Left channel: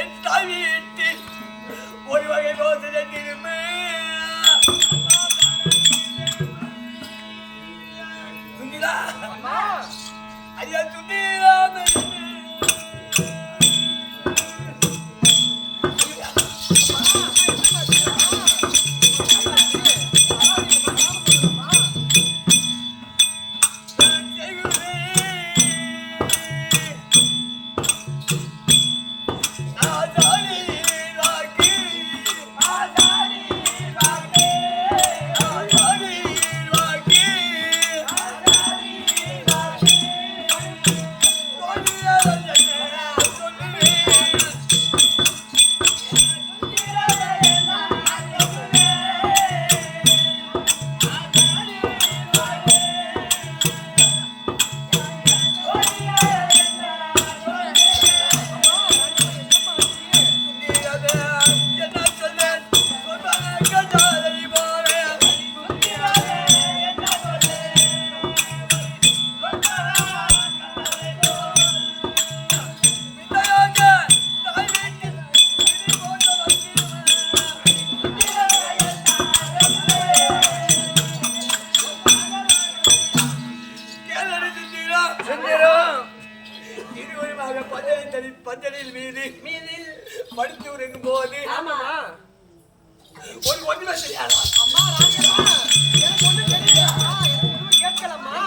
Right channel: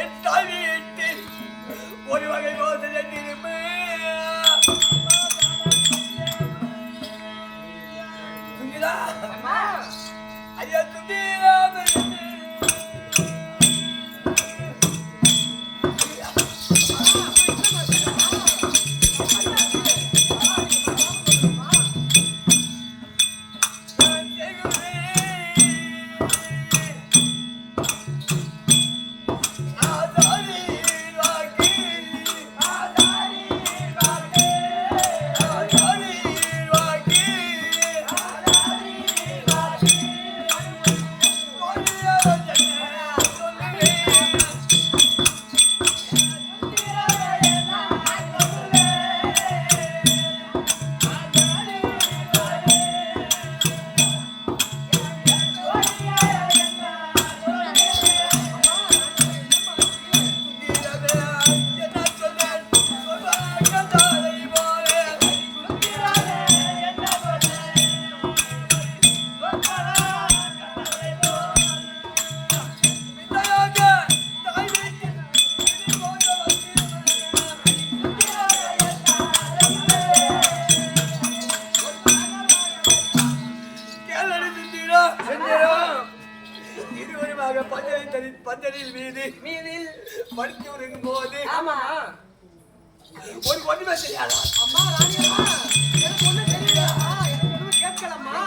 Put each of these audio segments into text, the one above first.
என் தாய் வீட்டில் ஒரு வகை மோசடி திரும்ப சுங்கிலா ஐயா சுந்தீராம பஞ்சலில் மீதில் படுத்து உறங்கும் போது ஒரு ஒண்ணுமே செய்யாது. அம்மா ராணியம்மா எனக்கு ஒண்ணு தெரியல. எனக்கு ஒண்ணு கேட்கலம்மா.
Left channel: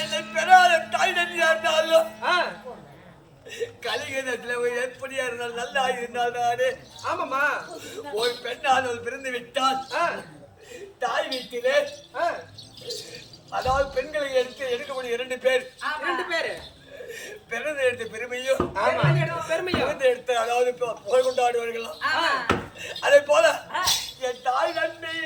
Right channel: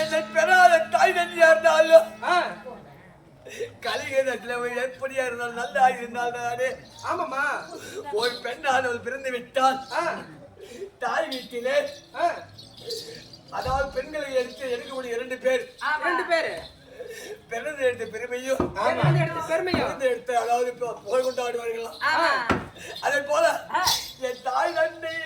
என்னை பெறாத தாய் நன்றியா இருந்தாலும் கலிகத்தில் எப்படியா இருந்தாலும் நல்லா இருந்தால் தானே. ஆமாம்மா ஒரு பெண்ணானவள் பிறந்து விட்டால் தாய் வீட்டிலே அதாவது பெண்களுக்கு எடுக்கக்கூடிய இரண்டு பேர் பிறந்து எடுத்த பெருமையும் எடுத்து அதாவது புகழ் கொண்டாடுவார்களாம். அதே போல என் தாய் நன்றி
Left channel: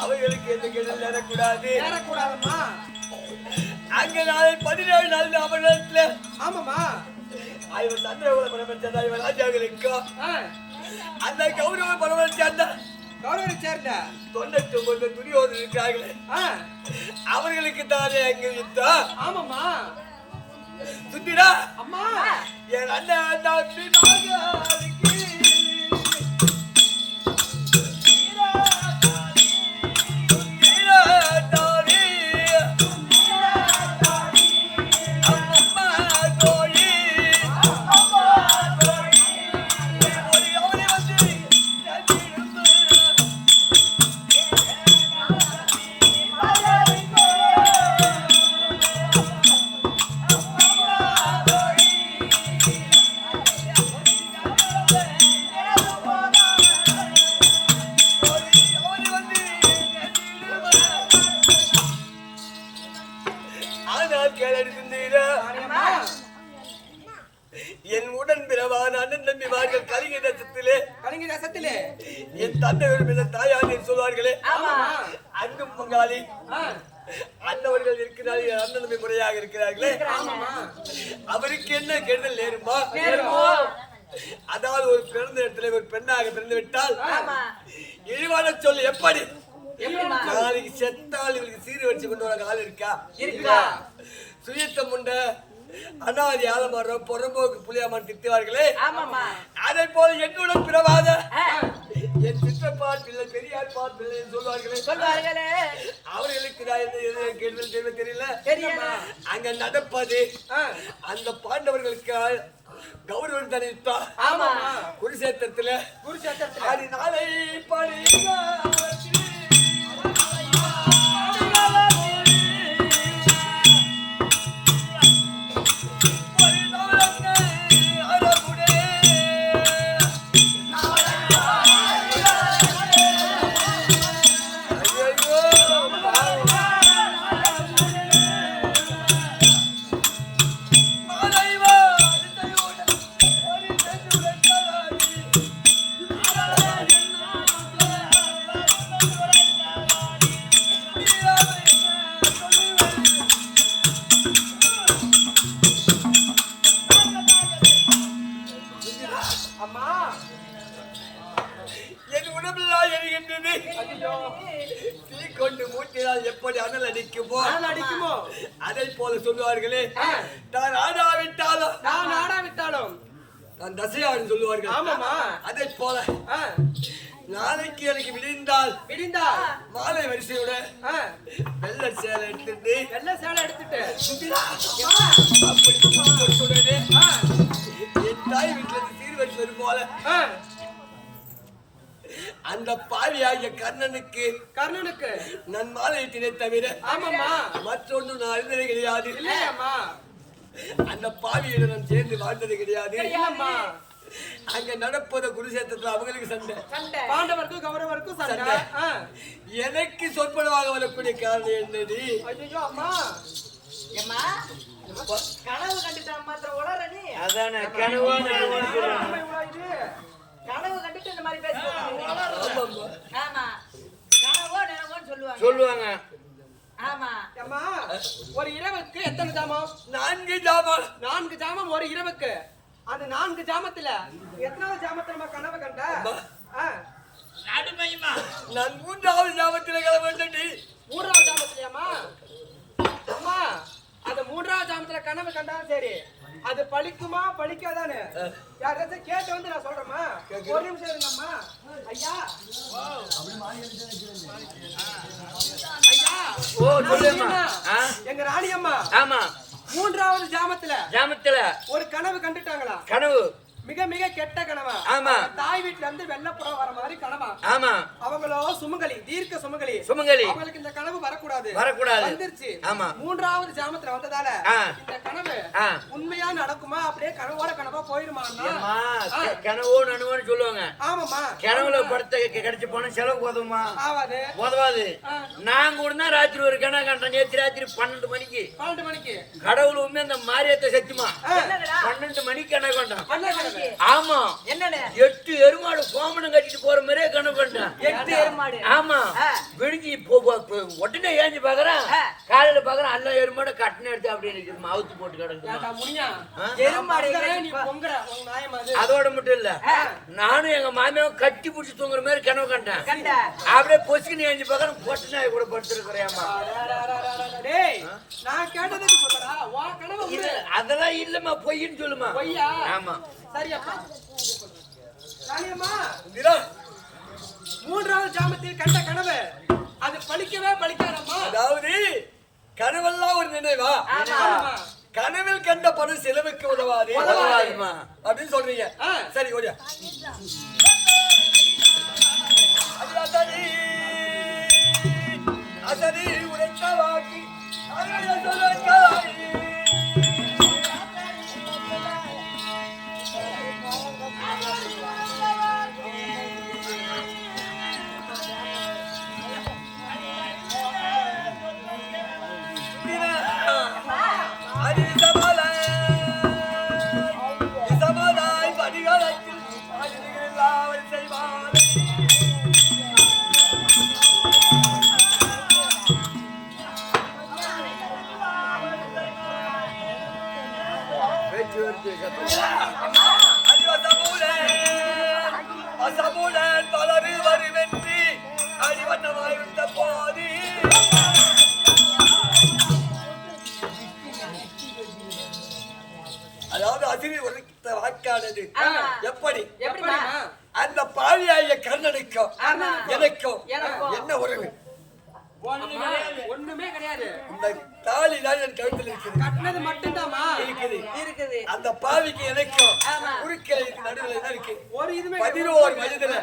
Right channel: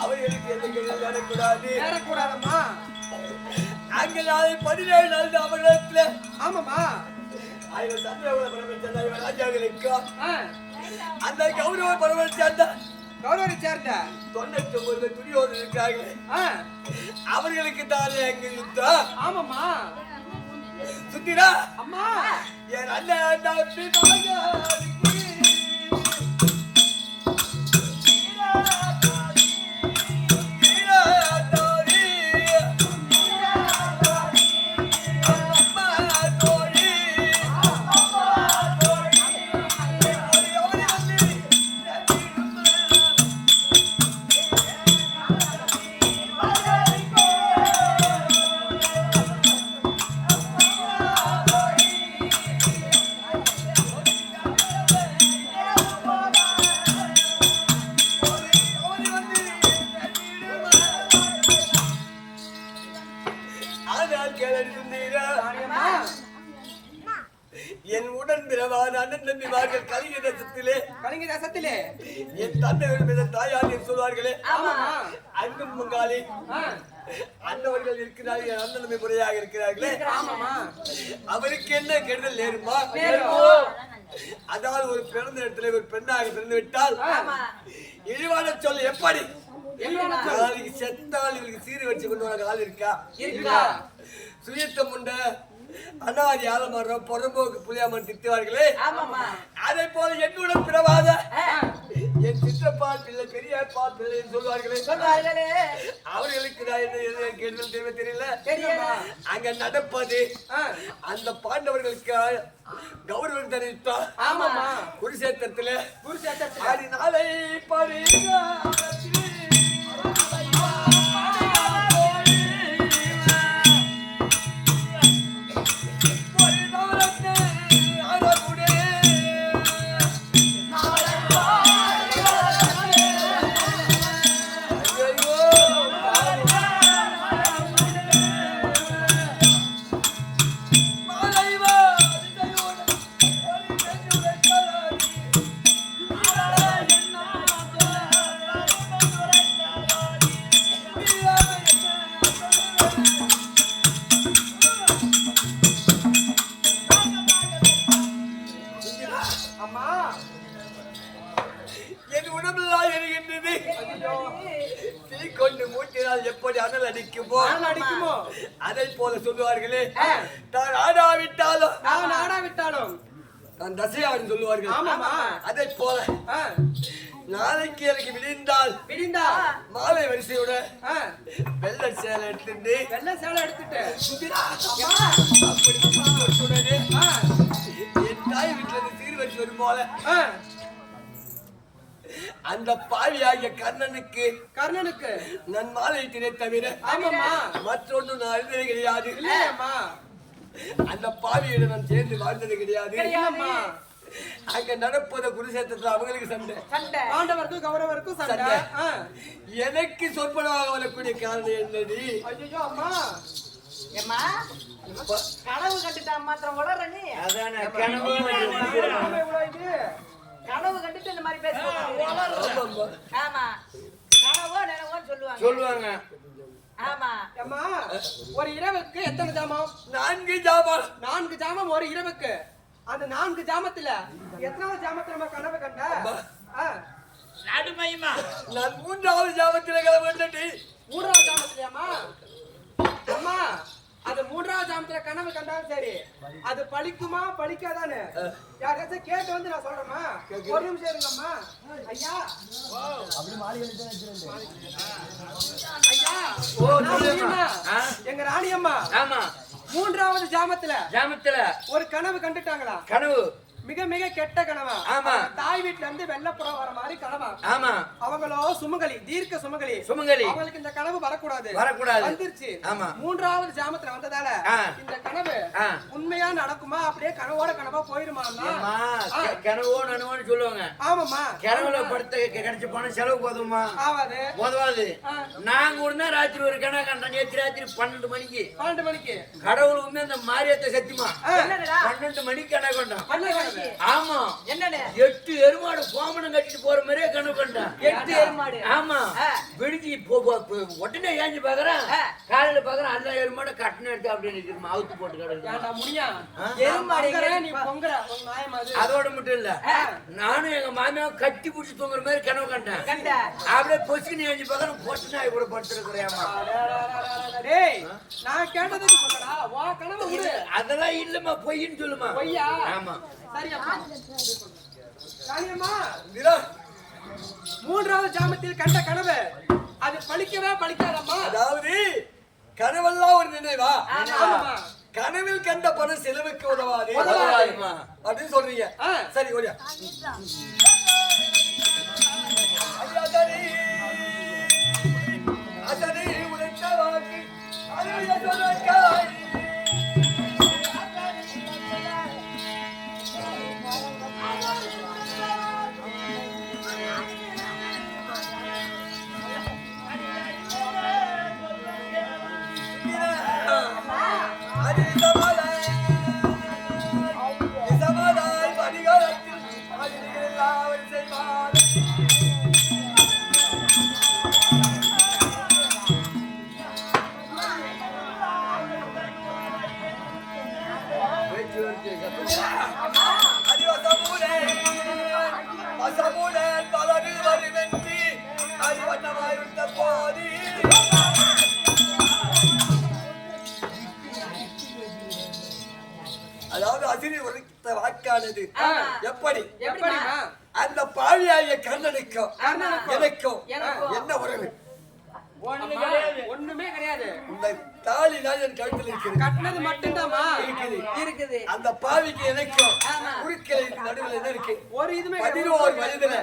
அவர்களுக்கு எந்த கெடுதல் நடக்கூடாதம்மா. அங்க நாளை 17 நாள் அவர்களிடத்துல இவன் சந்திரகுல பரமன் சேர்ந்த இவன் ராஜாக்களுக்கு அந்த கௌரவ பரமன் சேர்ந்த 99 துரியோதன் இருக்கிறார்களே அவர்களுக்கு தானே அங்க யுத்தம். ஆமாம்மா சுத்திரா அம்மா என் அண்ணன் தம்பி நாயகி என் உடன் பிறவான அண்ணன் தம்பிமார்கள் கலிங்க தேசத்திலே என் தந்தை தாயார் என்று சொல்வார்களே அங்கும் பங்காளி அண்ணவர்கள் இருக்கிறார்கள். என் அண்ணன் தம்பி முறையாக இருக்கிறார்களே அவருக்கு என்ன கெடுதல் நேருமா? அதாவது ஒரு பிறந்த இடத்துல ஒரு பெண்ணாக பிறந்து விட்டால் இழிவான சொல் எப்படி நாளைக்கு செத்தால் இவளுக்கு சீர் வச்சு கொண்டு வர ஆள் இருக்கா? சுயத்தம் உண்ட அனாதி ஆலமரம் பொறம்போக்கு புளியாமன் திட்டுவார்களே, அதை போல என்னுடன் பிறவாத என் சிற்றப்பா பிள்ளை பெரியப்பா பிள்ளை சொல்வார்களே, அவர்களுக்கு நான் என்ன கேள்வி தெரியல. அங்க நடப்பது அந்த பாண்டவர்களுக்கு கௌரவம் தெரிவித்தா குருஷேத்திரத்துல நாளை படி என் உடம்பெல்லாம் எரிகின்றது. தீ கொண்டு மூட்டினால் எப்படி அனல் அடிக்குமோ அதை போல சொல்லுவார்களே, நான் ஆடாவிட்டாலும் நான் தசையாவின் சொல்லுவார்கள். அதை போல நாளைக்கு எனக்கு விடிந்தால் மாலை வரிசையோட வெள்ளை சேலை எடுத்துட்டு அப்படி என் தாய் வீட்டுல இருந்து சீர் வரிசை வரும் போல அந்த பாவியாகிய கர்ணனுக்கு நான் மாலையிட்டே தவிர மற்றொன்று நான் அறிந்தது கிடையாது. அந்த பாவியிடம் நான் சேர்ந்து வாழ்ந்தது கிடையாது. அங்க நடப்பத குருஷேத்திரத்துல அவங்களுக்கு சண்டை, பாண்டவருக்கும் கௌரவருக்கும் சண்டை. எனக்கு சொற்பனமாக வரக்கூடிய காரணம் என்னடி? கனவு கண்டுட்டா மாத்திரம் உளற நீ. அதானே கனவு கனவு கண்டுட்டு இந்த மாதிரி பேசுவாங்க. ஆமா, கனவோ நினைவோன்னு சொல்லுவாங்க. ஆமா. அம்மா, ஒரு இரவுக்கு எத்தனை ஜாமம்? 4 ஜாமம். 4 ஜாமம் ஒரு இரவுக்கு. அந்த 4 ஜாமத்துல எத்தனாவது ஜாமத்துல நம்ம கனவு கண்ட? நடுமையுமா? நான் 3வது ஜாமத்துல கனவு கண்டடி. 3வது ஜாமத்துலயாமா? அம்மா, அது 3வது ஜாமத்துல கனவு கண்டாலும் சரி, அது பழிக்குமா பழிக்காதான்னு யாராச்சும் கேட்டு வந்து நான் சொல்றேம்மா. ஒரு நிமிஷம் இருங்கம்மா. ஐயா, ஐயா, எங்க ராணி அம்மா 3வது ஜாமத்துல ஒரு கனவு கண்டுட்டாங்களா? கனவு மிக மிக கெட்ட கனவா? ஆமா. தாய் வீட்ல இருந்து வெள்ளப்புறம் வர மாதிரி கனவா? ஆமா. அவங்களோ சுமங்கலி, தீர்க்க சுமங்கலி. அவங்களுக்கு இந்த கனவு வரக்கூடாது. வந்துருச்சு. ஆமா. 3வது ஜாமத்துல வந்ததால இந்த கனவு உண்மையா நடக்குமா, அப்படியே கனவோட கனவா போயிருமா? கனவோ நனவோன்னு சொல்லுவாங்க. ஆமாமா. கனவுல படுத்த கிடைச்சு போன செலவு உதவுமா? உதவாது. நான் கூட தான் ராத்திரி ஒரு கனவு கண்டேன். நேற்று ராத்திரி 12 மணிக்கு கடவுள் உண்மை அந்த மாரியத்தை சத்தியமா 12 மணிக்கு கனவு கண்டான். ஆமா. என்னடா 8 எருமாடு கோமணம் கட்டிட்டு போற மாதிரியே கனவு கண்டேன். 8 எருமாடு? ஆமா. விடுஞ்சி உடனே ஏஞ்சி பாக்குறேன், காலையில பாக்குறேன் எல்லா எருமாடு கட்டின எடுத்து அப்படியே நிற்கிறோம், அவுத்து போட்டு கிடக்கு. அதோட மட்டும் இல்ல, நானும் எங்க மாமியாவும் கட்டி பிடிச்சி தூங்குற மாதிரி கனவு கண்டேன். அப்படியே பொசுக்கு ஏஞ்சி பாக்குறேன், பொட்டு நாய் கூட படுத்துருக்கிறேன். நான் கேட்டதுக்கு சொல்லடா, அதெல்லாம் இல்லம்மா, பொய்ன்னு சொல்லுமா. பொய்யா? ஆமா. சரி அப்பா. ராணியம்மா, 3வது ஜாமத்தில் கண்ட கனவு அது பழிக்கவே பழிக்காதம்மா. அதாவது கனவெல்லாம் ஒரு நினைவா? கனவில் கண்ட பணம் செலவுக்கு உதவாது அப்படின்னு சொல்றீங்க. சரி, ஓடியா. அசரி உரைத்த வாக்கி அசமுடன் பலரு வருவென்றி அடிவண்ணமாய் வந்த போது அதாவது அசிரி உரைத்த வாக்கானது எப்படி அந்த பாவியாய கர்ணனுக்கும் எனக்கும் என்ன உறவு? ஒண்ணுமே கிடையாது. இந்த தாலி தான் என் கழுத்தில் இருக்குது. கட்டினது மட்டும்தாமா இருக்குது. அந்த பாவிக்கு எனக்கும் குறுக்கிற்கு நடுவில் என்ன இருக்கு? ஒரு இதுமே 11 வயதுல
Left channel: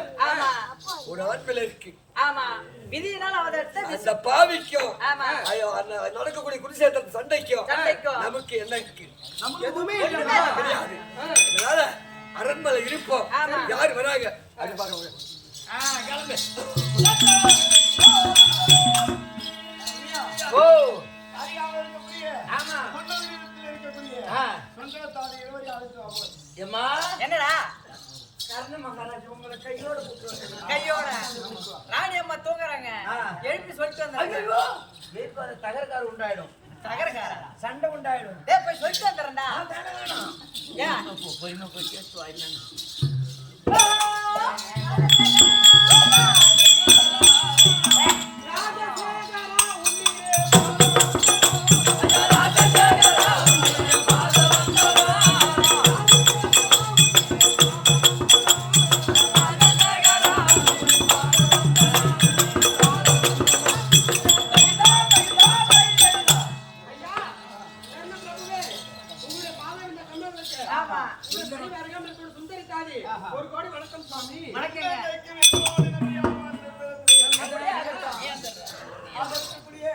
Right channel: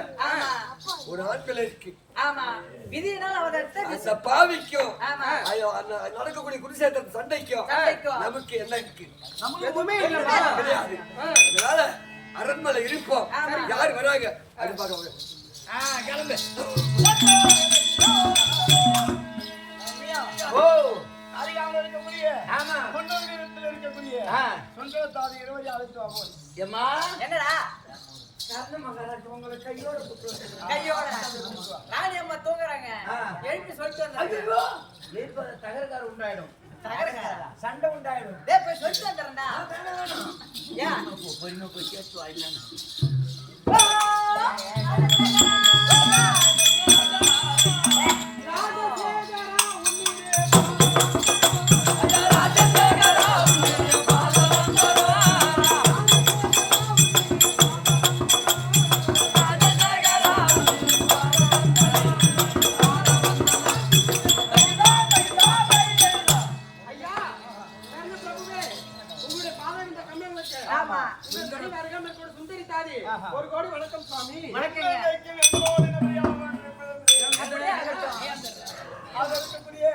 ஒரு ஆண் பிள்ளை இருக்கு. ஆமா, விதியினால் அவதரித்த அந்த பாவிக்கும் ஆமா. நடக்கக்கூடிய குருசேத்திர சண்டைக்கும் நமக்கு என்ன இருக்கு? எதுவுமே இல்லையா? கிடையாது. அதனால அரண்மனை இருப்போம். யார் வராங்க அப்படி பார்க்க முடியும். கிளம்பு. ஓ அறியாமல் இருக்கக்கூடிய ஆமா பொன்னொழிவில் இருக்கக்கூடிய சொந்தத்தாதி இருவரை அழைத்து வா போய். ஏம்மா என்னடா கர்ண மகாராஜ் உங்களை கையோட கூப்பிட்டு கையோட ராணி அம்மா தூங்குறாங்க. எழுப்பி சொல்லிட்டு வந்தாங்க. ஐயோ ஏற்பாடு தகரக்கார உண்டாயிடும். தகரக்காரா? சண்டை உண்டாயிடும். டேய் போய் சொல்லிட்டு வந்துறேன்டா. வேணாம் ஏன் பொறுமை போய் கேட்டு வாயிலான்னு ஆமா. சுந்தரி தாதி 1 கோடி வணக்கம் சுவாமி. வணக்கங்க. வெள்ளோடு நபியாவான் அப்படியே ஆகட்டும். அதற்குரிய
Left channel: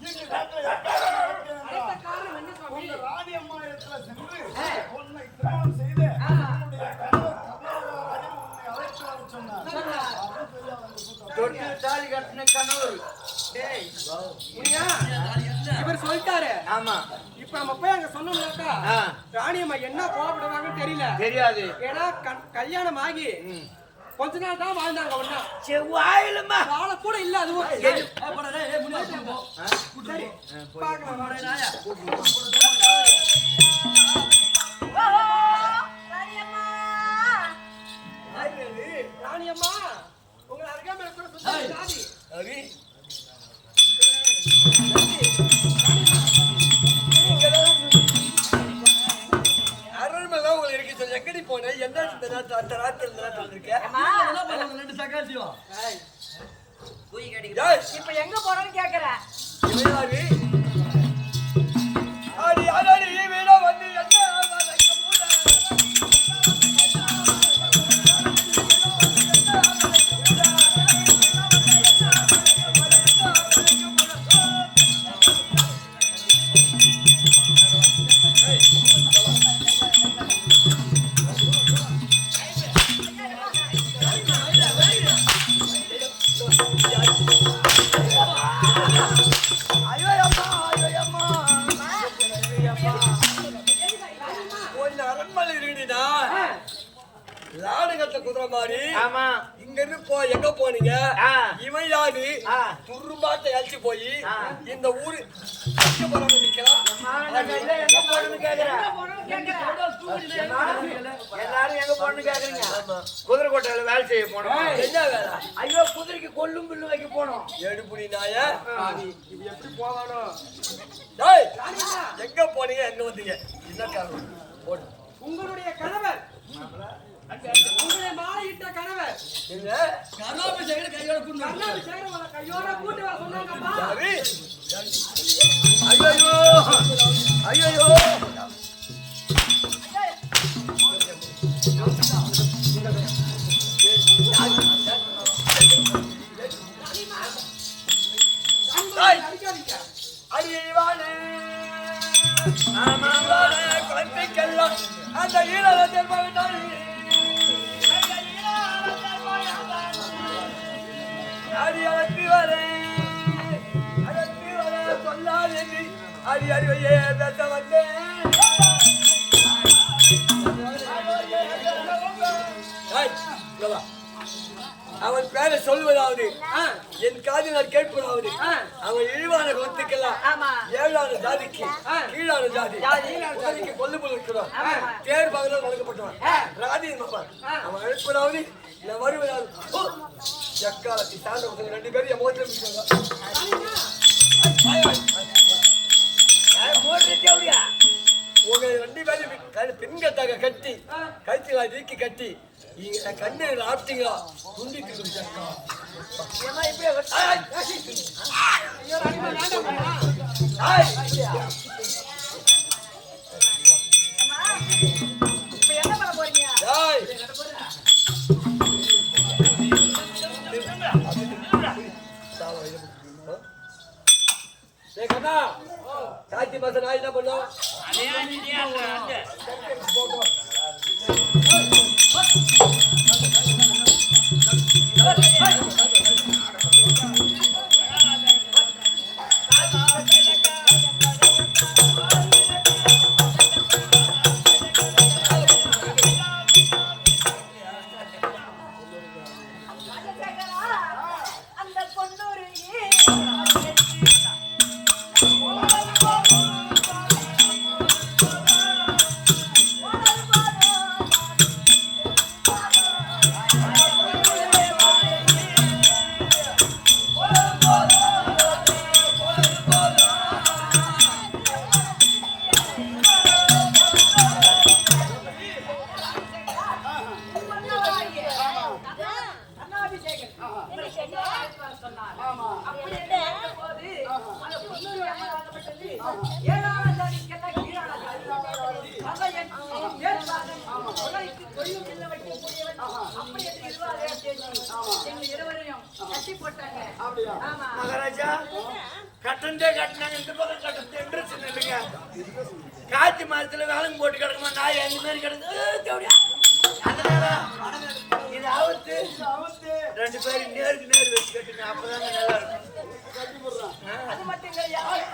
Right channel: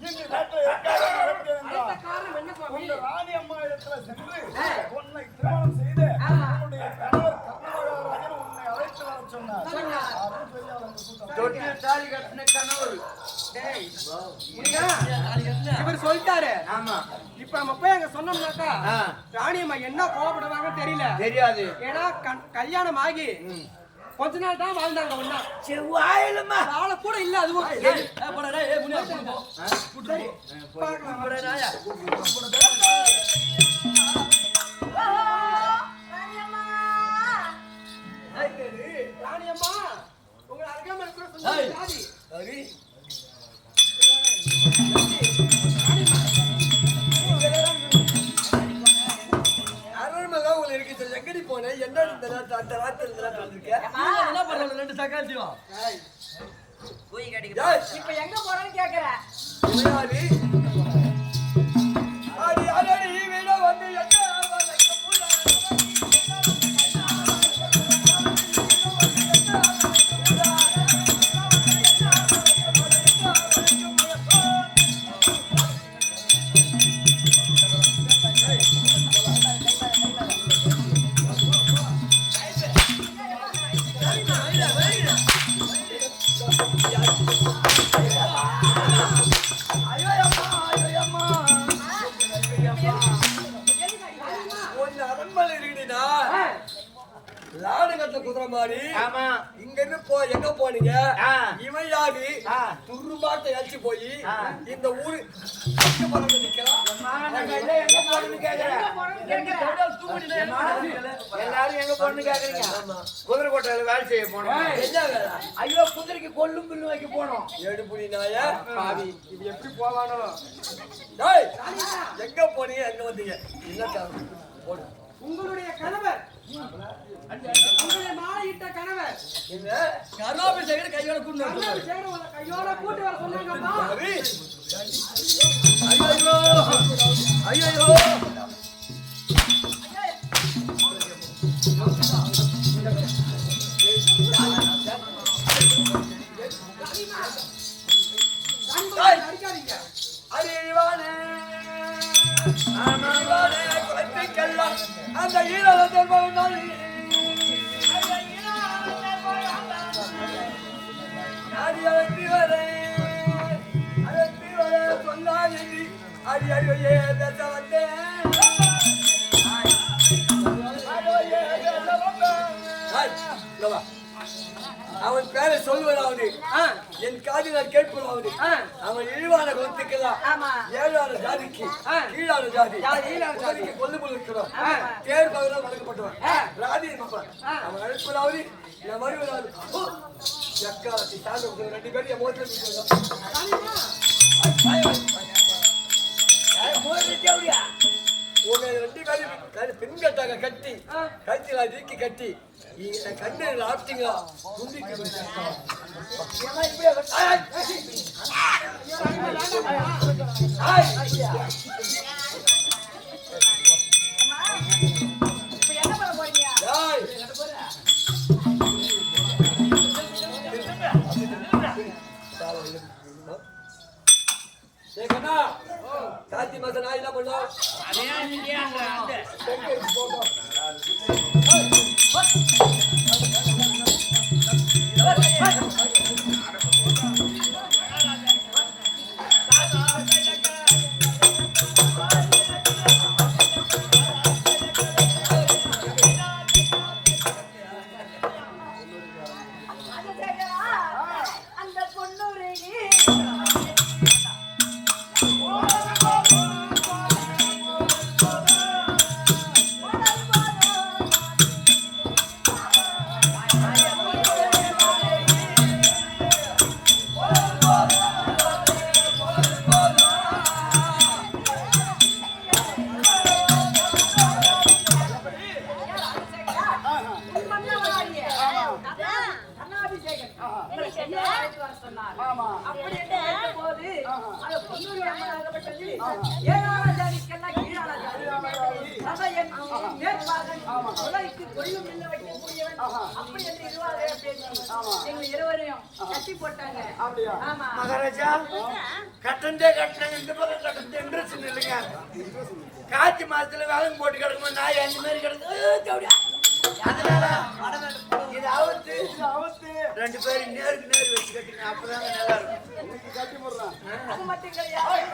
இன்று நாட்டில் எதற்காக நடக்கிறது அடுத்த என்றால், காரணம் என்ன சுவாமி? உங்கள் ராணி அம்மா இடத்துல சென்று உன்னை திருமணம் செய்து உன்னுடைய கணவர் கர்ணமகாராஜன் உன்னை அழைத்து வர சொன்னார். அப்படின்னு சொல்லி அவள் அந்த கூட்டம் தொட்டு தாலி கட்டின கணவர். டேய் முனியா, இவர் சொல்லிட்டாரு. ஆமா இப்ப நம்ம போய் அங்க சொன்னோம்னாக்கா ஆ. ராணி அம்மா என்ன கோவப்படுவாங்கன்னு தெரியல. தெரியாது. ஏன்னா கல்யாணம் ஆகி கொஞ்ச நாள் தான் வாழ்ந்தாங்க. ஒன்னா செவ்வாயிலுமா வாழ கூட இல்ல. அதுவும் சரி, பார்க்கலாம். ராணி அம்மா உங்க அருகாமையில கூட சுந்தரி தாதி. சரி. அரண்மனை உங்களுக்கு இருக்கு. சொல்லி எங்கடி போன? என்ன இந்த நேரத்துல அந்த ராத்திரி இந்த நேரத்துல வந்திருக்க? ஏய், குயி கடிக்க. ஏய், இப்ப எங்க போறேன்னு கேக்குற? இவன் யாரு? அடி அடடி வீட வந்து எங்க வளைக்க போற? ஒன்னு அரண்மனை இருக்குடினா லாடுகட்ட குதிரை மாதிரி. ஆமா இங்க இருந்து போ எங்க போனீங்க? ஆ. இவன் யாரு? துரும்பாட்ட அழிச்சு போய் இந்த ஊரு எங்க போறாம நிக்கிறான். எங்க போறேன்னு கேக்குறேன். எங்க போறேன்னு கேக்குற? எல்லாரும் எங்க போறேன்னு கேக்குறீங்க. குதிரை கோட்டையில வேலை செய்ய போனோம். என்ன வேலை? ஐயோ குதிரைக்கு கொல்லும் பில்லும் வைக்க போனோம். எடுப்புடி நாய. பாவி, இவ எப்படி போவானோ? டேய், எங்க போனீங்க? எங்க வந்தீங்க? என்ன காரணம்? போடு. உங்களுடைய கணவர், உங்களை மாலையிட்ட கணவர் என்ன? கர்ணாபிஷேகர் கையோட கூட்டு கர்ணாபிஷேகர் உங்களை கையோட கூட்டு வர சொன்னாங்கப்பா. யாரு? ஐயோ ஐயோ. அடிக்காதீங்க. அடிவானே ஆமாவானே குழந்தைக்கெல்லாம் அந்த ஈழ தென்பவன் அடி அழைத்து வர சொல்லாது அடி அறிவையே பேச வந்தேன். அவன் பேரை சொல்வதாவது என் காதில் நான் கேட்பதாவது அவன் இழிவான குலத்துக்கெல்லாம் ஆமா. 7ஆன ஜாதிக்கு கீழான ஜாதி ஜாதிக்கு கொல்லு இருக்கிறோம். தேர் பகலால் வளர்க்கப்பட்டவன் ராதி அவன் அழைப்பதாவது நான் வருவதாவது எக்காலத்தி தாண்ட ரெண்டு பேரும் என் முகத்துல ராணிமா, உங்க ரெண்டு பேரும் பெண் கட்டாக கட்டி கழுத்துல நீக்கி கட்டி நீங்க கண்ணு ஆப்டிங்களா துண்டிட்டு ஐயோ ராணிமா வேண்டாம்மா. இப்ப என்ன பண்ண போறீங்க? காய்ச்சி மாசம் நான் என்ன பண்ணும் போட்டோம் அந்த பொண்ணூரு அப்படி என்ன ஏற்ற போது அந்த பொன்னூர் அம்மனாகப்பட்டது ஏழான ஜாதிக்கெல்லாம் கீழான ஜாதி உலகிற்கு கொள்ளும் இல்ல வைக்கக்கூடியவன் அப்படி என்று இருவாக பேசி எங்களை இருவரையும் கட்டி போட்டாங்க. ஆமா மகாராஜா கட்டண்டே கட்டினாங்க இந்த பக்கம் கட்டண்டே இன்ட்ரெஸ்ட் இல்லைங்க. காய்ச்சி மாசத்துல வேலைக்கு போட்டு கிடக்குமா நாய் அந்த மாதிரி கிடக்கு. அதனால இது அவுத்து ரெண்டு பேரும் நேருக்கு நேர் வச்சு கட்டுங்க அப்பதாங்க நல்லா இருக்கும். கட்டி போடுறான். அது மட்டும் கிடையாது.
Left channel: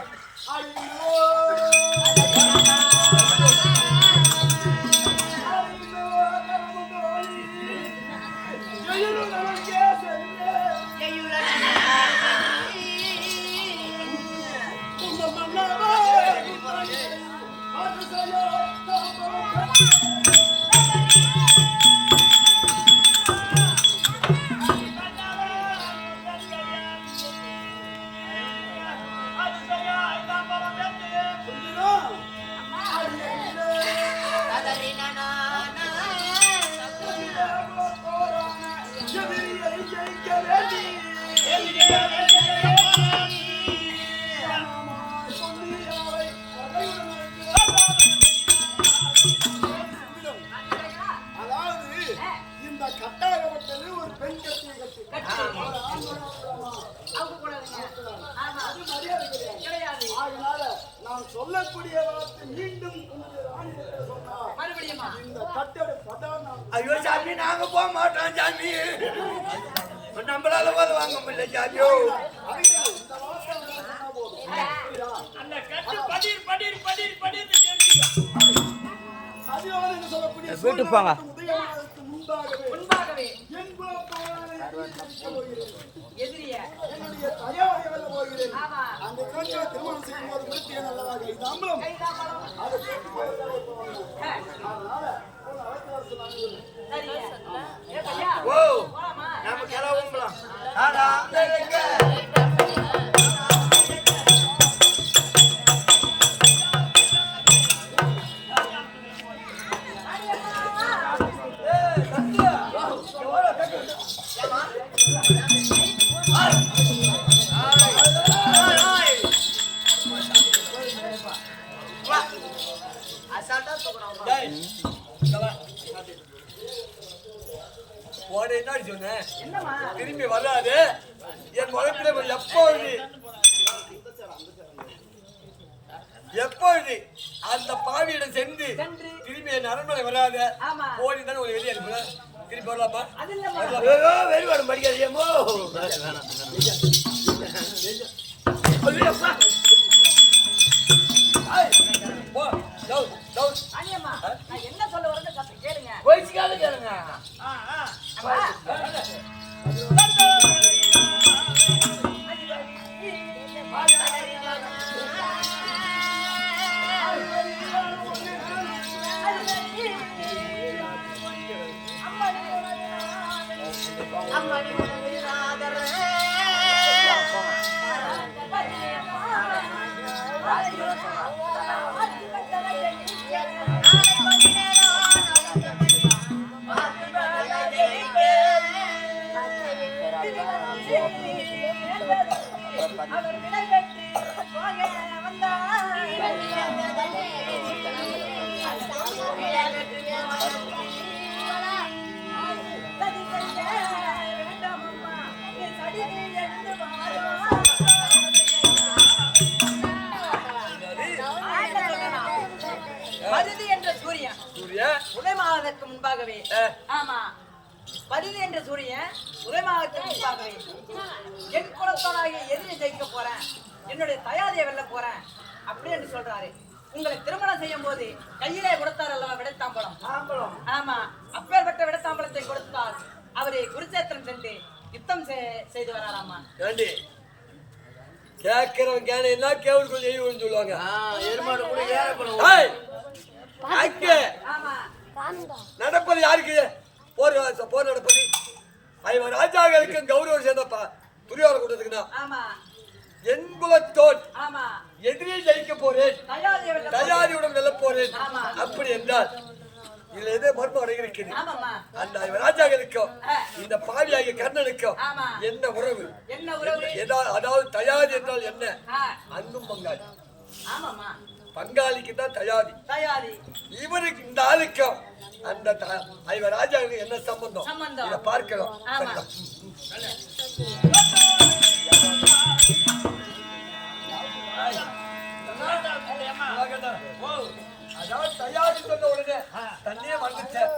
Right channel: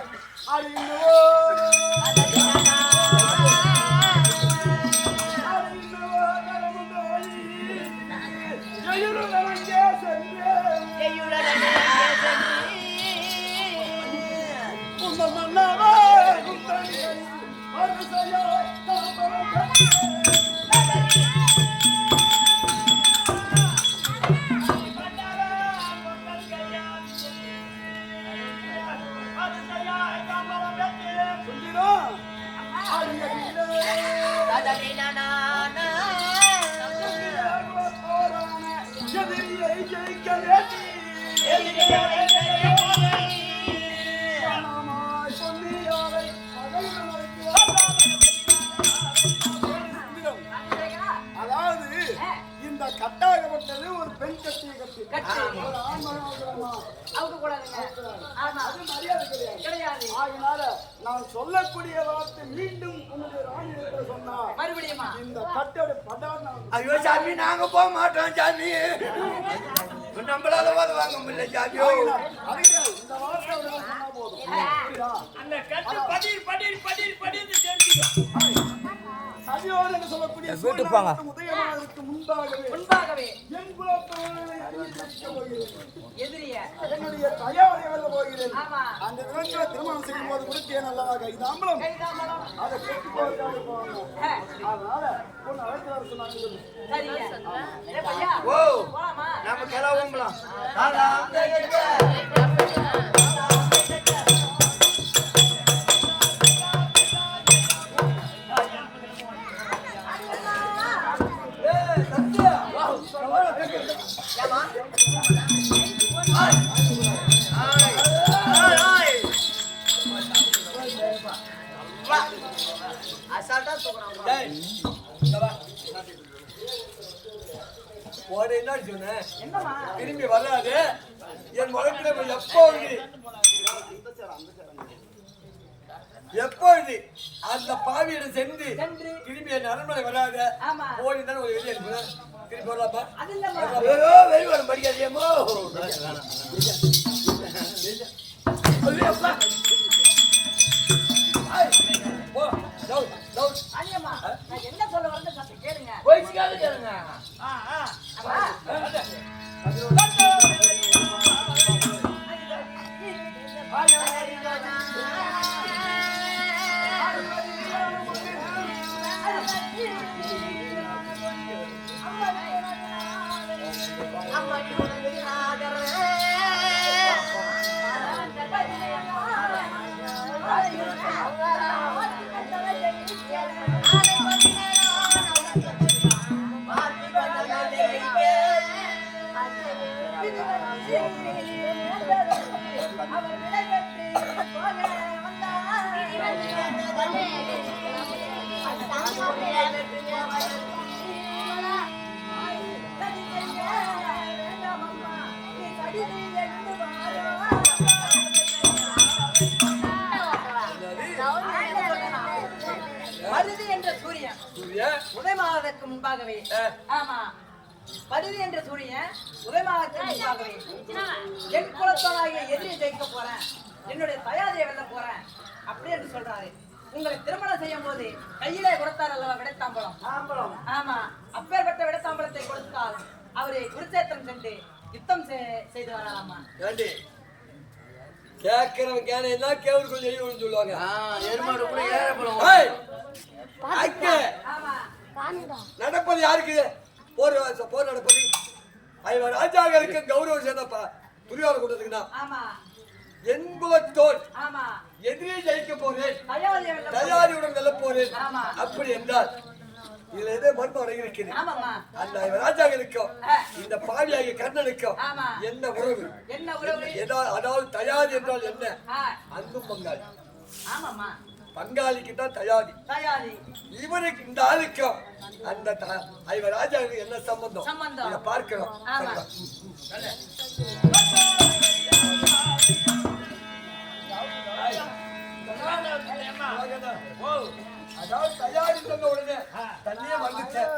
அதாவது இந்த கட்டாகப்பட்டது ஒரு பெண் கட்டியை கட்டி ஒரு ஆண் அவங்க கூடாதுங்க. ஆமா அது மரியாதை கிடையாது. கிடையாது. ஆகினால நான் சொல்லக்கூடிய வார்த்தை மீண்டும் உன்னுடைய ராணியத்தில் சொன்னார் மறுபடியுமா இந்த கட்டடை படார். ஐயோ சாமி நாங்க போக மாட்டோம் சாமி. நம்மளால போத வாங்க முடியல சாமியோ. அதுதான் இந்த வார்த்தை அவர்கள் சொன்னா போதும். புரியுதா? அந்த கட்டு படிர் படிர் படிர் படிர் தெரிஞ்சுக்கோ. சதியோடு என்று சொல்லக்கூடிய சூழ்நிலை உதயமானதற்கு முன்பாகவே என் குலத்தோடு எதிரிய என்னுடைய தயாரை வெல்ல போகிறேன். ஆமா அந்த தினத்துல திருமணம் செய்யும் போது கொடுத்தேன் அல்லவா கைதாம்பலம், கைதாம்பலம் அதை கெட்டு போவதற்காக போவாங்க. அதனால பொண்ணு அழைத்து வர சொன்னாங்க சொல்லு. சரிங்க. ஏ பையா ஓ போலாமா? நாம கிளம்பலாம். அசால்ட்டா தூக்குறான். என்ன சொன்னேன் என்னமா திரும்பி வராது என் முளைப்பில எப்பொழுது அந்த பாவியிடம் சென்று திரும்பி என் அரண்மனை வராத போய் தானே உங்களை வெளியே அனுப்புறேன். திரும்பி வரலாமா? வெளிவாடம் படிக்காதியமோ. அண்ணியம்மா நான் என்ன சொல்ல வரேன்னு சத்தம் கேளுங்க. வயசுக்காக கேளுங்க. அம்மா அவர் விடை பெற்று போக வந்தார் சதி செய்ய வேண்டாம் அம்மா நீ சடிதி எழுந்து வாரோ என்ன சொல்லலாம் மருதி என்ற சூரியன் உதயமாவதற்கு முன்பாகவே ஆமா பரிதி என்ற சூரியன் உதயமாவதற்கு முன்பாகவே என் குலத்தோனாகிய எதிரியை ஜெயிக்க போறேன் என்னுடைய தயாதியை வெல்ல போறேன் அப்படி என்று சொல்றாரு உங்களை திருமணம் செய்யும் போது கையிலே கொடுத்தார் அல்லவா விடைத்தாம்பலம் ஆமா அப்பேற்பட்ட விடைத்தாம்பலத்தை கொடுத்தால் அவரை குருச்சேத்திரம் சென்று யுத்தம் செய்து வராராமா கேட்கிறவன் கேன கேவலுக்குள் செய்யும் சொல்லுவாங்க எருமாடு கூட ஏறப்படும் நடப்பது யாருக்கு போர் நடப்பது ஐவர் ராஜாக்களுக்கு கௌரவம் சேர்ந்த துரியோதன கூட்டத்துக்கு தான் என் குலத்தோன் எதிரே ஜெயிக்க போறேன் தயாரியுடன் வெல்ல போறேன் அப்படி என்றால் இதுல எதே மர்மம் அடங்கியிருக்கிறது அந்த ஐவர் ராஜாக்களுக்கும் இந்த பாவியாகிய கர்ணனுக்கும் என்ன உறவு அதாவது தயாரி என்றால் என்ன அங்கும் பங்காளி பங்காளிக்கு தான் தயாரி இவருக்கு இந்த ஆளுக்கும் அந்த ஐவர் ராஜாவுக்கு என்ன சம்பந்தம் இத பார்க்கிறோம் அதாவது தயாரி சொன்ன உடனே தண்ணியே வந்துட்டேன்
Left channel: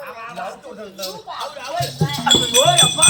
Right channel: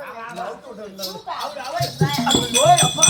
அப்பா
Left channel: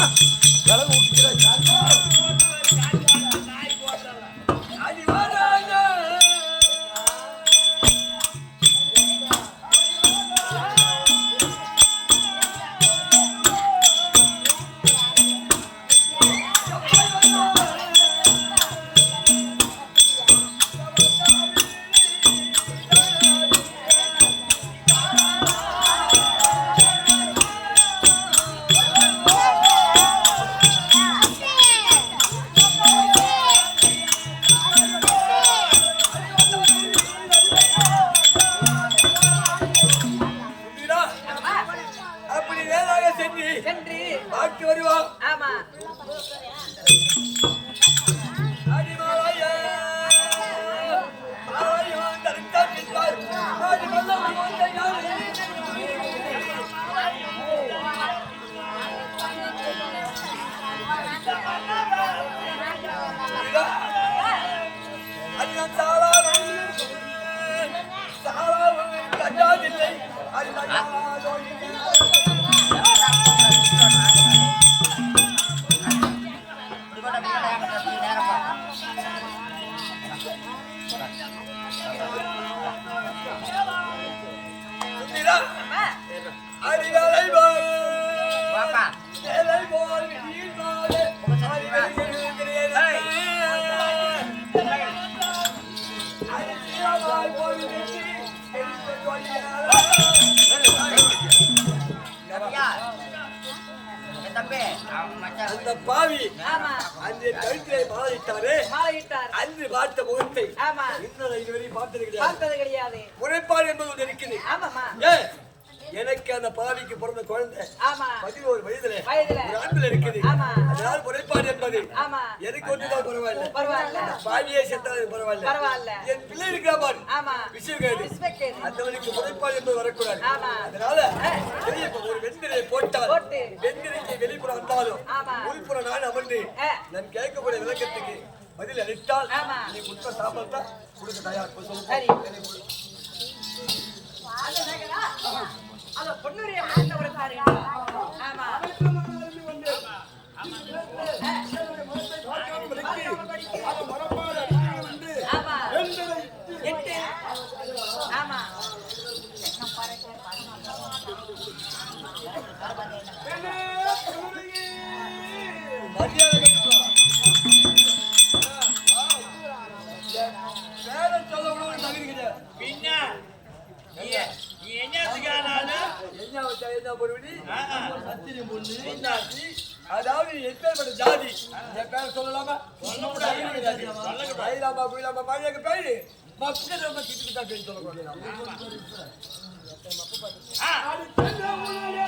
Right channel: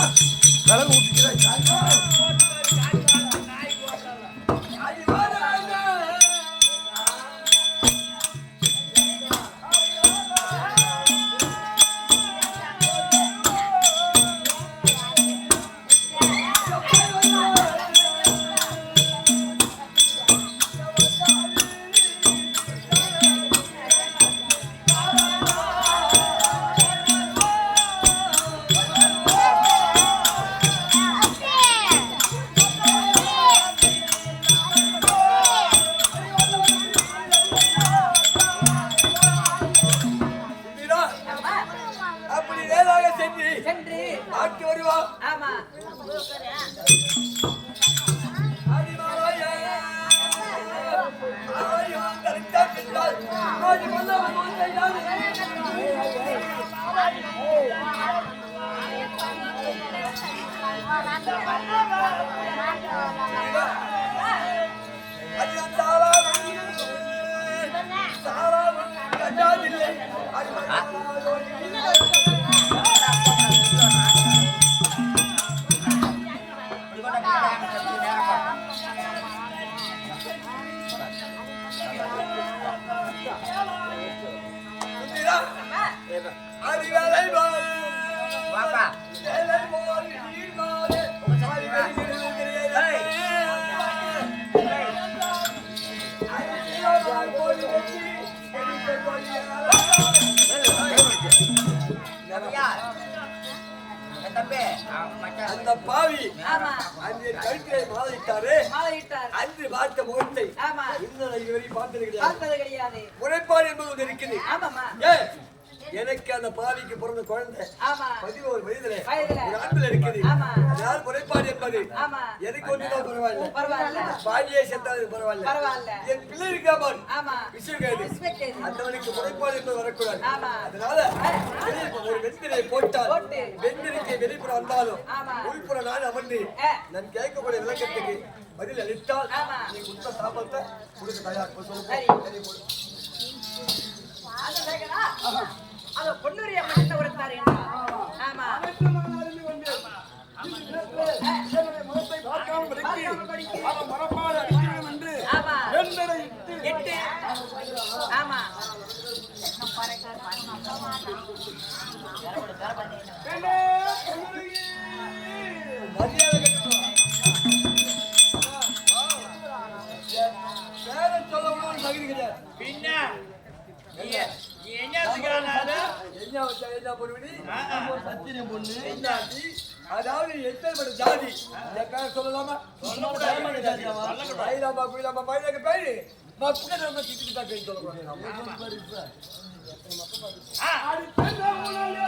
அந்த பாவி அந்த கழுத்திலே மாலையிட்டாரு அன்று பார்த்த முகத்தை இன்னும் இதுவரை பார்த்தது கிடையாது முறைப்பாடு என்பது ஒன்று இருக்குது எனக்கு அந்த பாவிக்கு பிறந்த குழந்தை 11 வயதுல ஒரு ஆண்டுல இருக்குது அதனால முறைப்பாடு என்பது எனக்கு ஒன்றுதான் பரவாயில்ல பாவியே செத்தாலும் பரவாயில்ல என் பிள்ளை இருக்கா பாரு விஷயக்கேடு அந்தவனுக்கு முறைப்பாடு என்பது வரக்கூடாது அதனால ஒரு வெந்திரை போட்டால் வெந்திரைக்கு வெளிப்புறம் வந்தாலும் உள்புறம் நான் அமர்ந்து நான் கேட்கக்கூடிய விளக்கத்துக்கு பதில் அளித்தால் நீ குற்ற சாப்பத்தை கொடுக்க தயார் சொல்லு அத பொன்னுரிய அப்ப என்ன உரைத்தாரு ஆமா ஆமா சொல்ல கூட ஒரு தகுதி கிடையாது பின்ன அதாவது எப்பேற்பட்ட ஜாதி என் பேர் சொல்லலாமா சொல்லக்கூடாது அடி பெண்ணே உலகே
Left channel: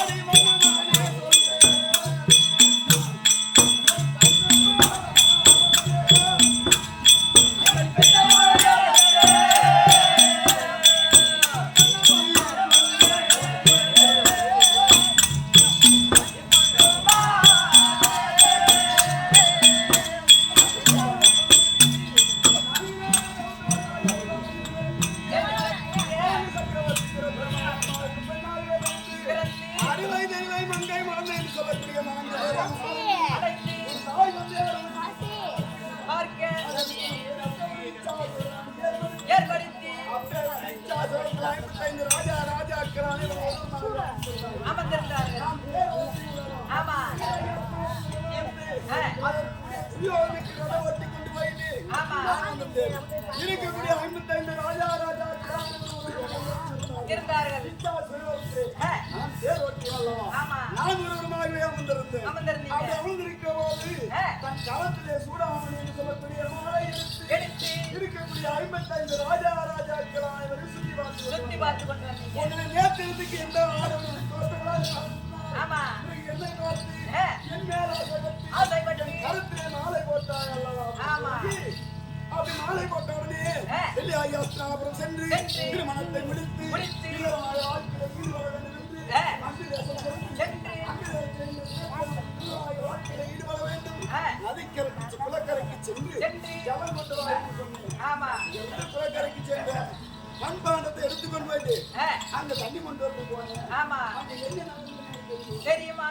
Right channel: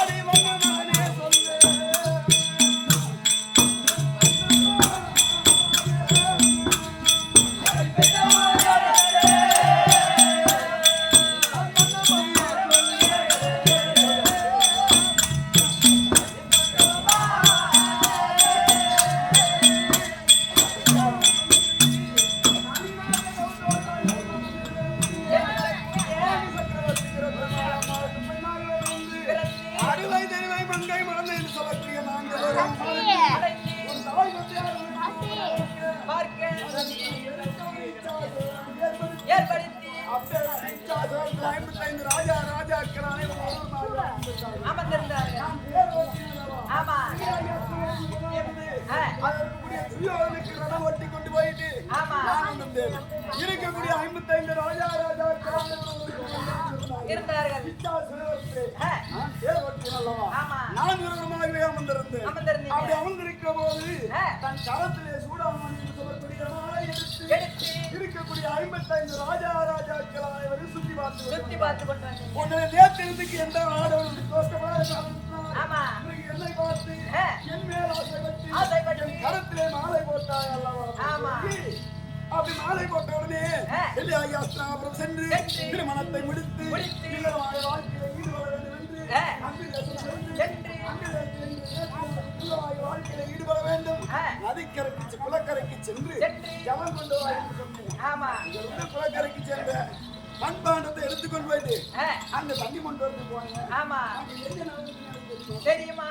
அடி மன்னனே சொல்லே அடிவை தெய்வை மங்கை மறந்து என்று சொல்லக்கூடிய நான் உன் தாய் வந்து ராஜா ராஜாக்கள் அனைவரும் அமர்ந்திருந்தார்கள். ஆமா அதற்குரிய துரியோதனுக்கு ரதம் ஓட்டி கொண்டு போயிட்டு ஆமா நான் வந்தேன். இருக்கக்கூடிய 55 ராஜா ராஜாக்கள் அனைவரும் இருந்தார்கள். நான் தேர் ஓட்டினேன் அல்லவா? ஆமா நான் ஒருவருமாகவே அமர்ந்திருந்தேன். அமர்ந்திருந்தீங்க. அப்படி அமர்ந்திருக்கிற போது தன் களத்திலே சூடாமணி என்று சொல்லக்கூடிய மாலை எடுத்து இருக்கக்கூடிய 55 ராஜா ராஜாக்கள் அனைவரும் சுற்றி பார்த்து கொண்டு வந்தீங்க. உன்னை நேரத்திற்கு எந்த ஆடவனும் தோற்றப்படாத ஆமா என்னை பார்த்து என் மேல் ஆசைப்பட்டு என் கருத்திலே மாலை போட்டாய் அல்லவா? ஆமா அப்படி மாலை போட்ட உடனே அப்புறம் சென்று திருமணத்தை முடித்து இல்லறமாக வாழ்க்கையில ஈடுபட வேண்டும் என்று அங்கு வாழ்க்கையில ஈடுபட வேண்டும். நதிக்கரைக்கு குளக்கரைக்கு சென்று ஜலம் கொண்டு வா என்று சொன்னேன். ஆமா இங்கிருந்து குளக்கரைக்கு சென்ற மண்பாண்டத்தை எடுத்துக்கொண்டு போயிட்டு அங்க தண்ணி கொண்டு வந்து போனேன். ஆமா அங்க என்ன தெரியுமா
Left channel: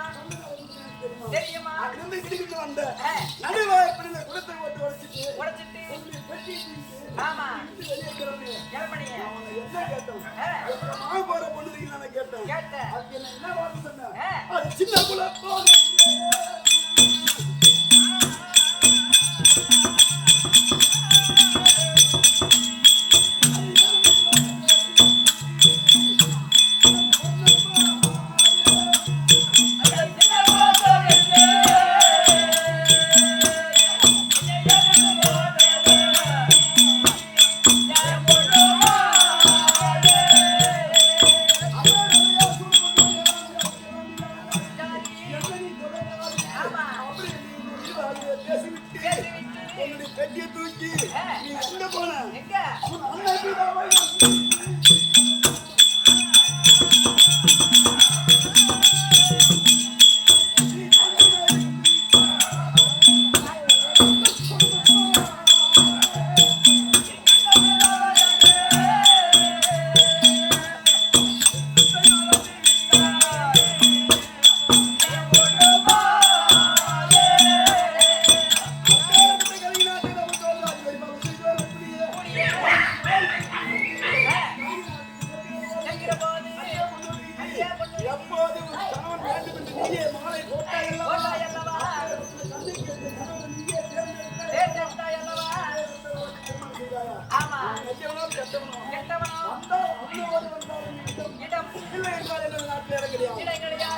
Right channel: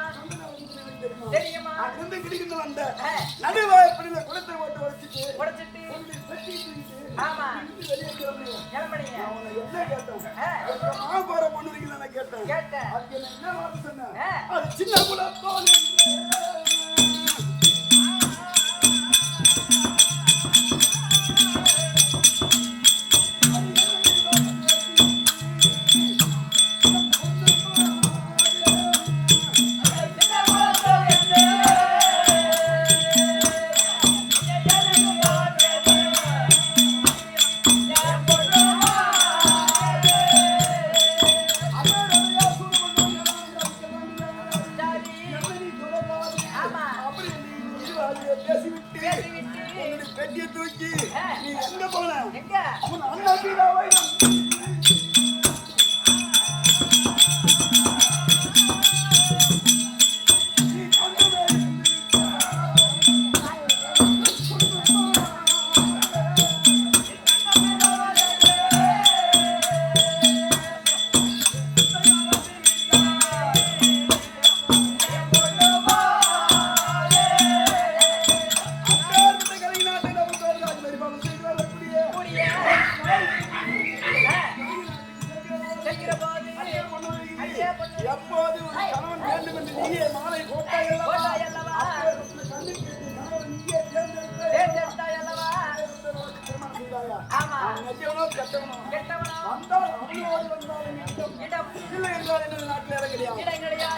தெரியுமா அங்கிருந்து கிடிக்கிட்டு வந்த நடுவாய்ப்படியில குளத்தை போட்டு உடைச்சிட்டு பெட்டி தூக்கிட்டு ஆமா வெளியே கிளம்பணிய அவனை என்ன கேட்டோம்? மாவு போற பொண்ணு இருக்கு நான் கேட்டேன். அதுக்கு என்ன வார்த்தை சொன்னேன்? அது சின்ன குலத்தோல் பெட்டியை தூக்கி நீ எங்க போன? உன் அண்ணன் சீதாவை எப்போது ஒரு கணவன் வேண்டும் என்று நீயே மாலை போட்டாய் அல்லவா? திருமணம் செய்தாயா? நெஞ்சவனோ கெட்டவனோ வந்தால் அவனோடு வந்தாலும் இல்லை என்றால் எனது நாட்டில் இடம் கிடையாது.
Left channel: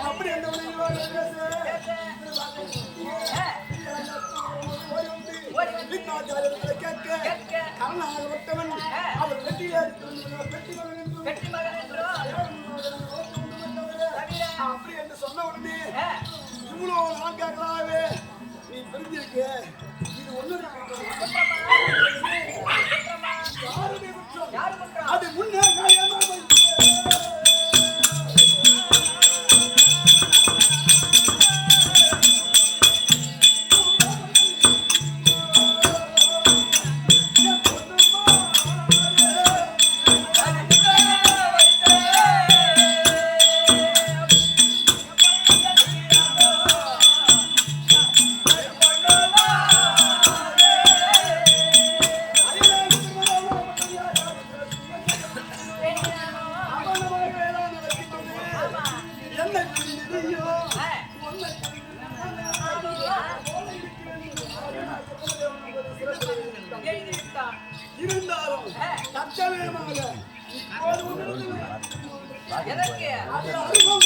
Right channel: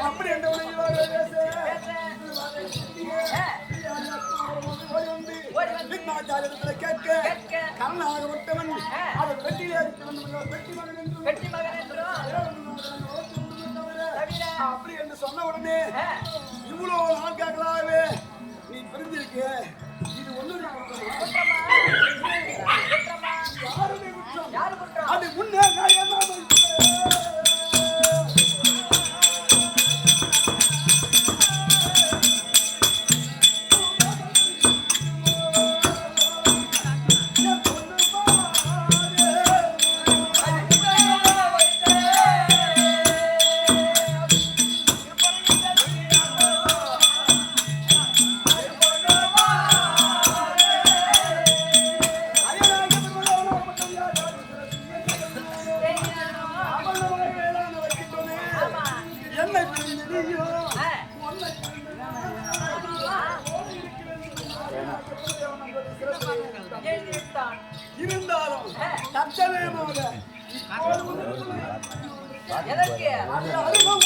அப்படி என்ற உணர்வாக ஓடி வந்து விக்னாச்சாரியத்தில் கேட்க கர்ணாக ஒட்டவன் அவர் பெட்டியை அடித்து வந்து பெட்டி மகன் அப்படி என்று சொன்ன உடனே இவ்வளவு நாட்களாகவே நீ பிரிஞ்சிருக்க. இது ஒன்னுடைய குற்றமா? யாருடைய குற்றம்? அது முன்னே நான் ஏமாந்து இருந்தாலும் தற்சமயமாக எதற்கு அது அருகம்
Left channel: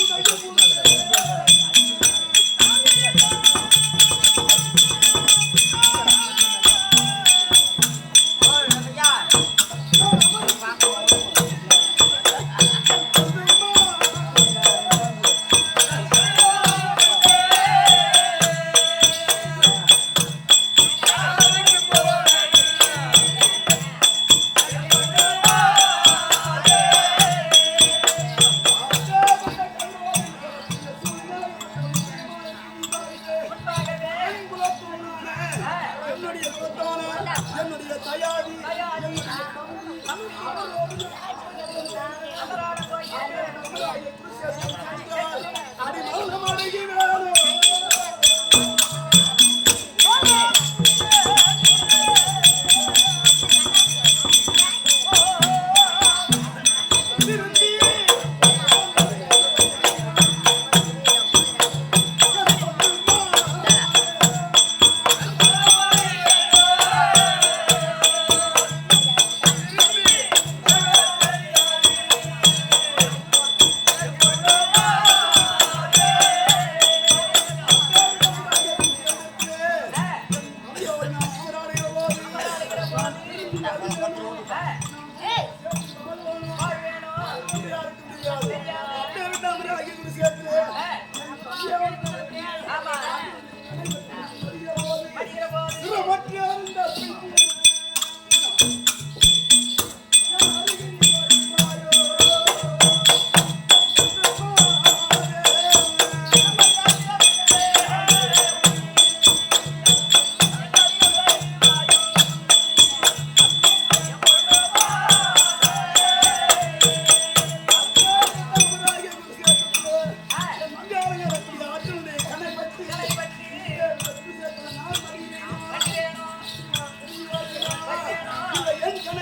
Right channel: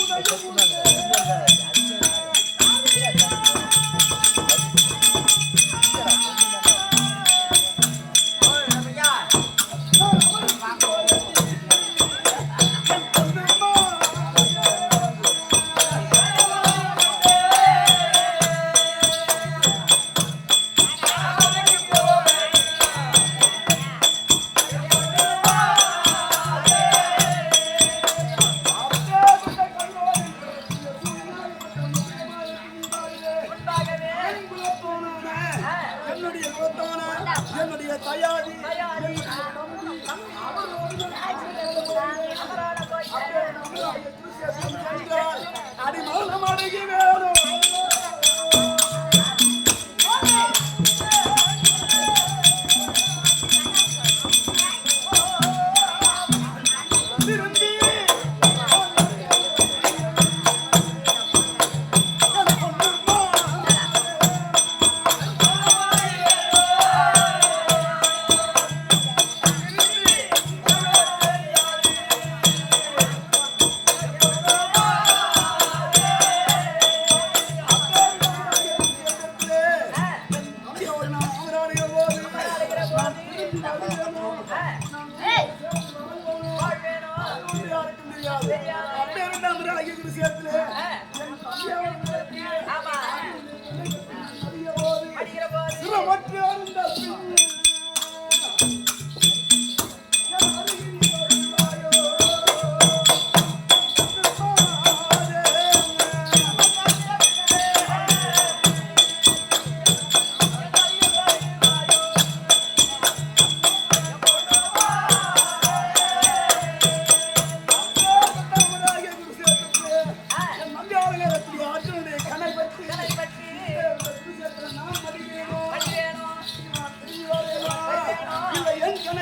அமரான போய் அடி மௌனம் அடங்கி வேணும் ஆமா படிக்கிற போது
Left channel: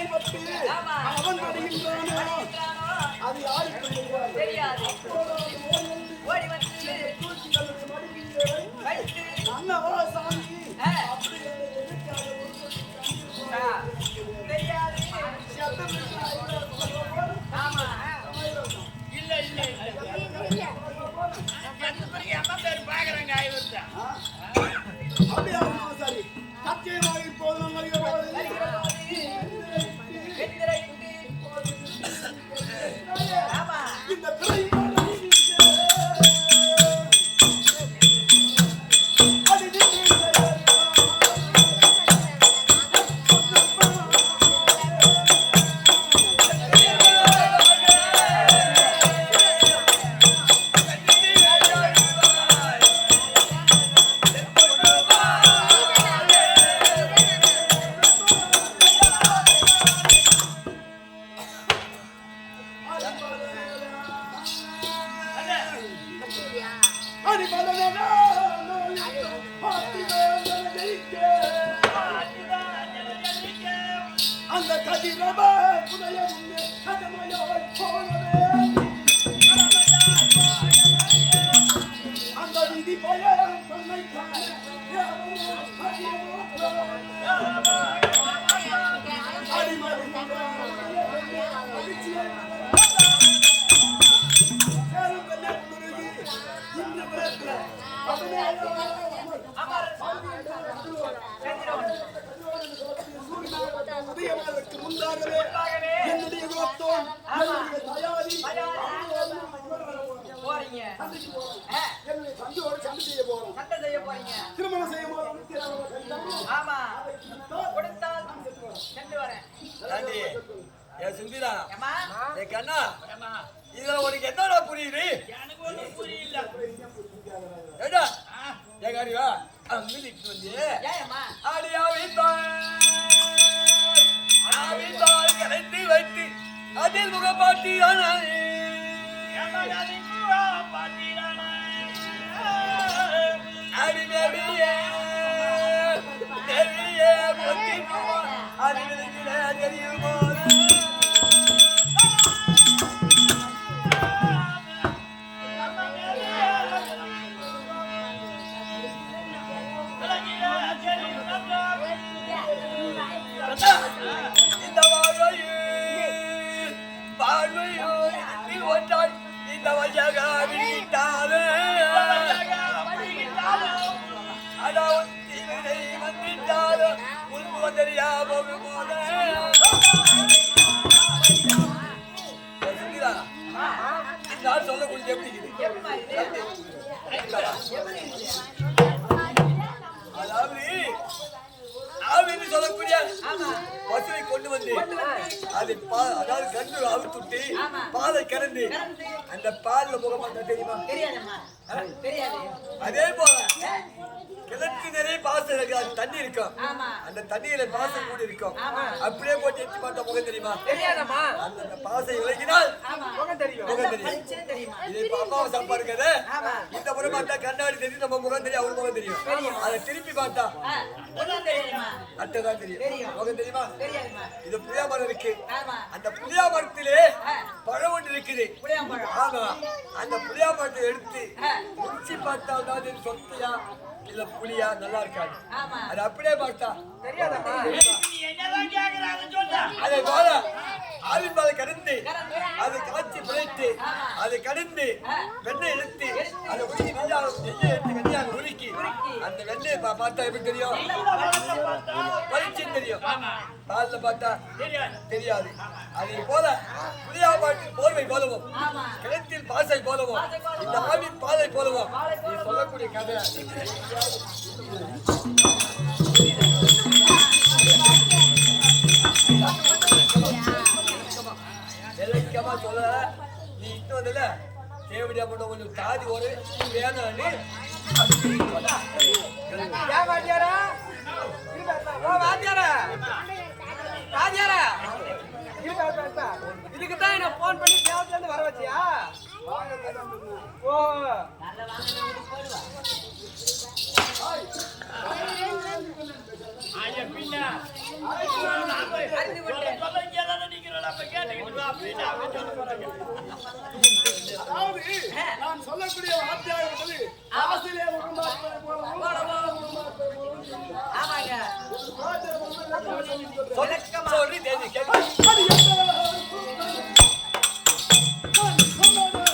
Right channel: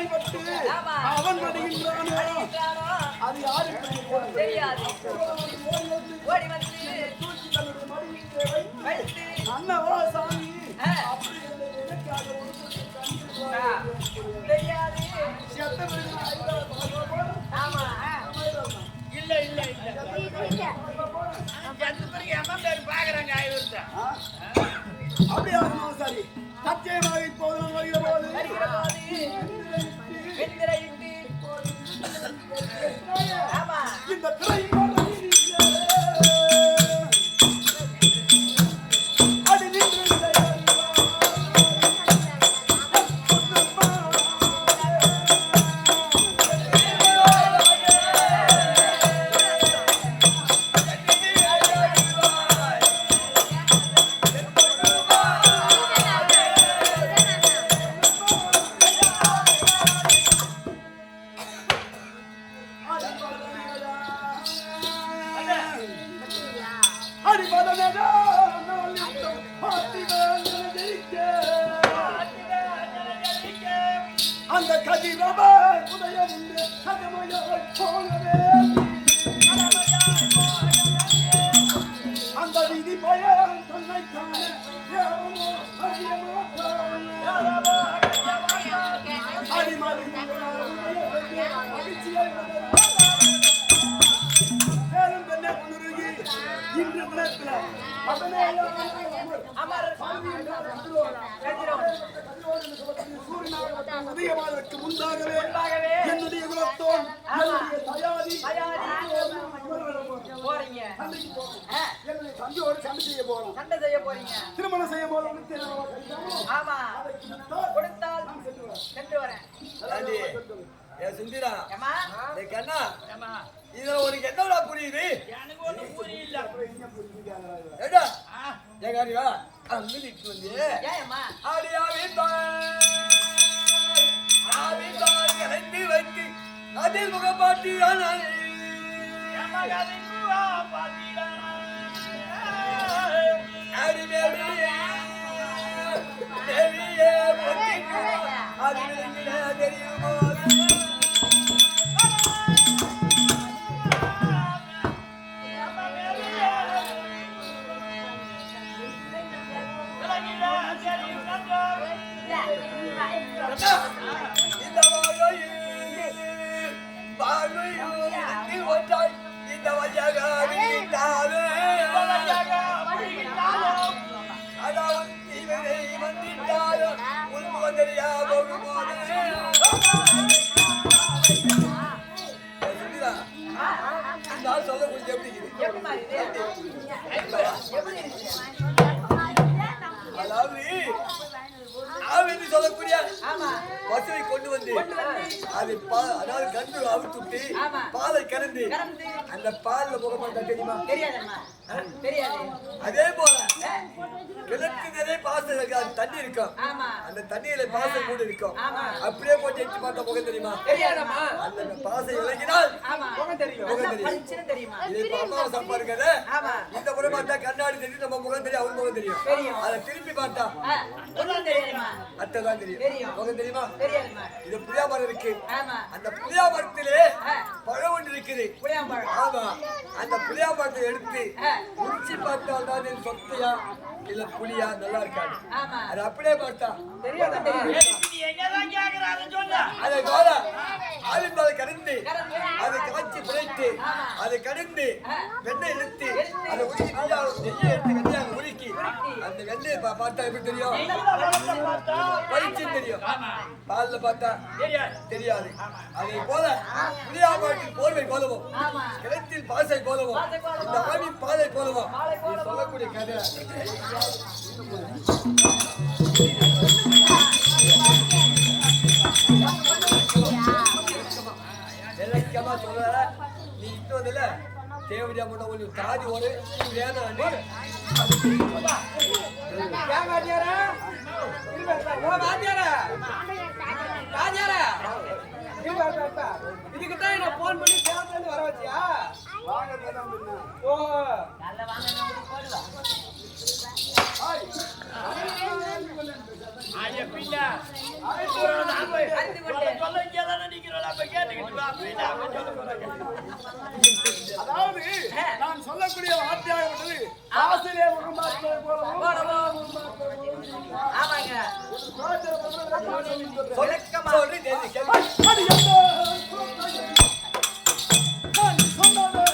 அவன் மடிகின்றானோ அது யாருக்கு தெரியாது ஓடி வந்து வைத்து அண்ணவா சாமி அப்படி தெரியாது ஆமா இல்ல இல்ல இல்ல எத்தனை பேருக்கு அம்மா பேர் பாக்குறாங்க ஆய்வுதான் அப்படியாக சரி சத்தியமாக இப்போது வருகிற போது வெண்திரையிட்டு ஆமா இந்த திரையின் அந்த கதிரவா உதய உண்டு கதமையாய் போனவே அந்த விதி பயன் தன்னை காண அடிமாடி உதய பெண்ணே மகிழ்ச்சியை சேலம் பெண்ணே உணர்கி இன்று தினத்துல அமர் சூரியனாகப்பட்ட உதயமாவதற்கு முன்பாகவே என்னுடைய குலத்தோன் என்னுடைய தயாரி போறீங்க சண்டைக்கு போறோம் என்னுடைய தந்தையோடு சண்டை செய்ய போறோம் சண்டை செய்ய போறீங்க திருமணம் செய்ய போறோம் ஆமா கொடுத்தால் சென்று வரேன் சுந்தரா ஏமா கண்ணா இதுல உனக்கு என்னடா புரியுது எனக்கு ஒண்ணும் புரியல ஏடா ஏகாரி வா அங்கிட்டு வந்து ஏமா ஆவித்தாய் கலைந்து வைத்து அதில் முகப்பாட்டியான அடிமேவியே தேவியே முத்திடுவா அது விளங்கிட தெரியும் போது இந்த வாழ்வையோ இருந்து ஒன்றாய் இந்த வழியாக விழித்தாலே அதாவது தீவிரை வந்துட்டாலும் உள்பு வந்தறியா போகும் போதே சுந்தரா நான் சொல்லக்கூடிய எப்படி அதாவது ஆவென்று சொல்லக்கூடிய பசுவை கொண்டு வந்து அதை அதாவது கன்று அவுத்துட்டு பாலை கறந்து அந்த பால்ல முகமாட்டா தெரியுமா? தெரியாதம்மா தெரியாது. அதே போல கிணத்து நிறைய பாசம் இருக்கு, அது தண்ணி இருக்கும். ஆமா. அந்த தண்ணியில பாசம் கூட இருக்கும். ஆமா. அப்படியே போட்டு எட்டி பார்த்தா முகம் தெரியுமா? தெரியாதம்மா. அந்த பாசம் விலகினால் ஆமா. முகம் தெரியும். முகம் நல்லா தெரியும். பளிச்சுன்னு தெரியுமா? இது இப்ப அம்மாவை சாப்பா இருக்காது. ஆமா. இந்த முறை பார்த்தா கண்ணாடி தெரியும், நம்ம முகம் தெரியும், அவர் முகம் தெரியும். தெரியும். அதை திருப்பி பார்த்தா ஒண்ணும் தெரியாதுமா? அத்தைதான் தெரியும். தெரியும். முகம் தெரியுமா? தெரியாதுமா? இது புளியா மரம் இருக்கு. ஆமா. அந்த புளியா மரத்திலே பழம் ஒன்று இருக்குது. புளியாம்பழம். ஆமா, அந்த புளியா மரத்தை எடுத்து ஆ. உரிச்சி பார்த்தால் தான் இது சொத்தையா இல்ல புளியா நல்லா இருக்காது. ஆமா. அது அப்படியே பார்த்தா தெரியாதம்மா. நீ என்னதான் கேக்குறாங்கன்னு சொல்லு. அதை போல ஆவின் பாலை கடிந்து கறந்து. அதை காய்ச்சி புரைத்து ஆமா. அதை கடிந்து ஆ. வெண்ணெய் எடுத்து எடுத்து. அதை உருக்கி நெய்யை எடுத்து வெண்ணெயாக உருக்கி உருக்கி. அந்த வெண்ணெயை பார்த்தா எப்படி தெரியும்? நெய்யில பழத்தை பார்த்தா பளிச்சுன்னு தெரியும். ஆமா. பால்ல பார்த்தா தெரியாது. தெரியாது. அதை போல புளியாமரத்தில் போர்வை போலவும் ஆமா. கிணத்தில் பாசை போலவும் பாசை போலவும், இந்த ஆவி பாலை போலவும் பாலை நீ போலவும் சொல்லக்கூடிய கதை விளக்கமா சொல்ல நீ இன்னும் வந்தல தேவடியா போட்ட உங்களுக்கு தாதி ஒரு வேணும் ஏன் வாத்தியாரா? இருப்பா, இருப்பா. ஓ வாத்தியாரா? வாத்தியாரா? இருப்பா, இருப்பா, இருப்பா. இதுக்குத்தான் என்ன போன் பண்ணி சேலத்துல இருந்து வர வச்சியா? வாங்க மேடம் பின்ன. ஓ நல்ல வாங்க உங்களுக்கு போடுவா. ஐயா பின்ன நாம அறிந்து கொண்டேன். சொல்ல இங்கே தானே நிக்கிறோம். அப்ப கேட்டுக்கிட்டு வா அப்படின்னு அவங்க சொல்ல போறாங்க. அதாவது நான் சொல்லக்கூடிய வார்த்தையாக இருப்பது ஆசிரியர் முகம் பார்ப்பதை போலவும் முகம் பார்ப்பதை போலவும் இருக்கிறார். ஆமாங்க. ஒரு பாத்திர பிரம்ம விளக்கமா சொல்லி சொல்றேன். விளக்கமா. சொல்லி தேதி கேள்வி அடி என்ன குலத்தாயே, நான் சொன்னதை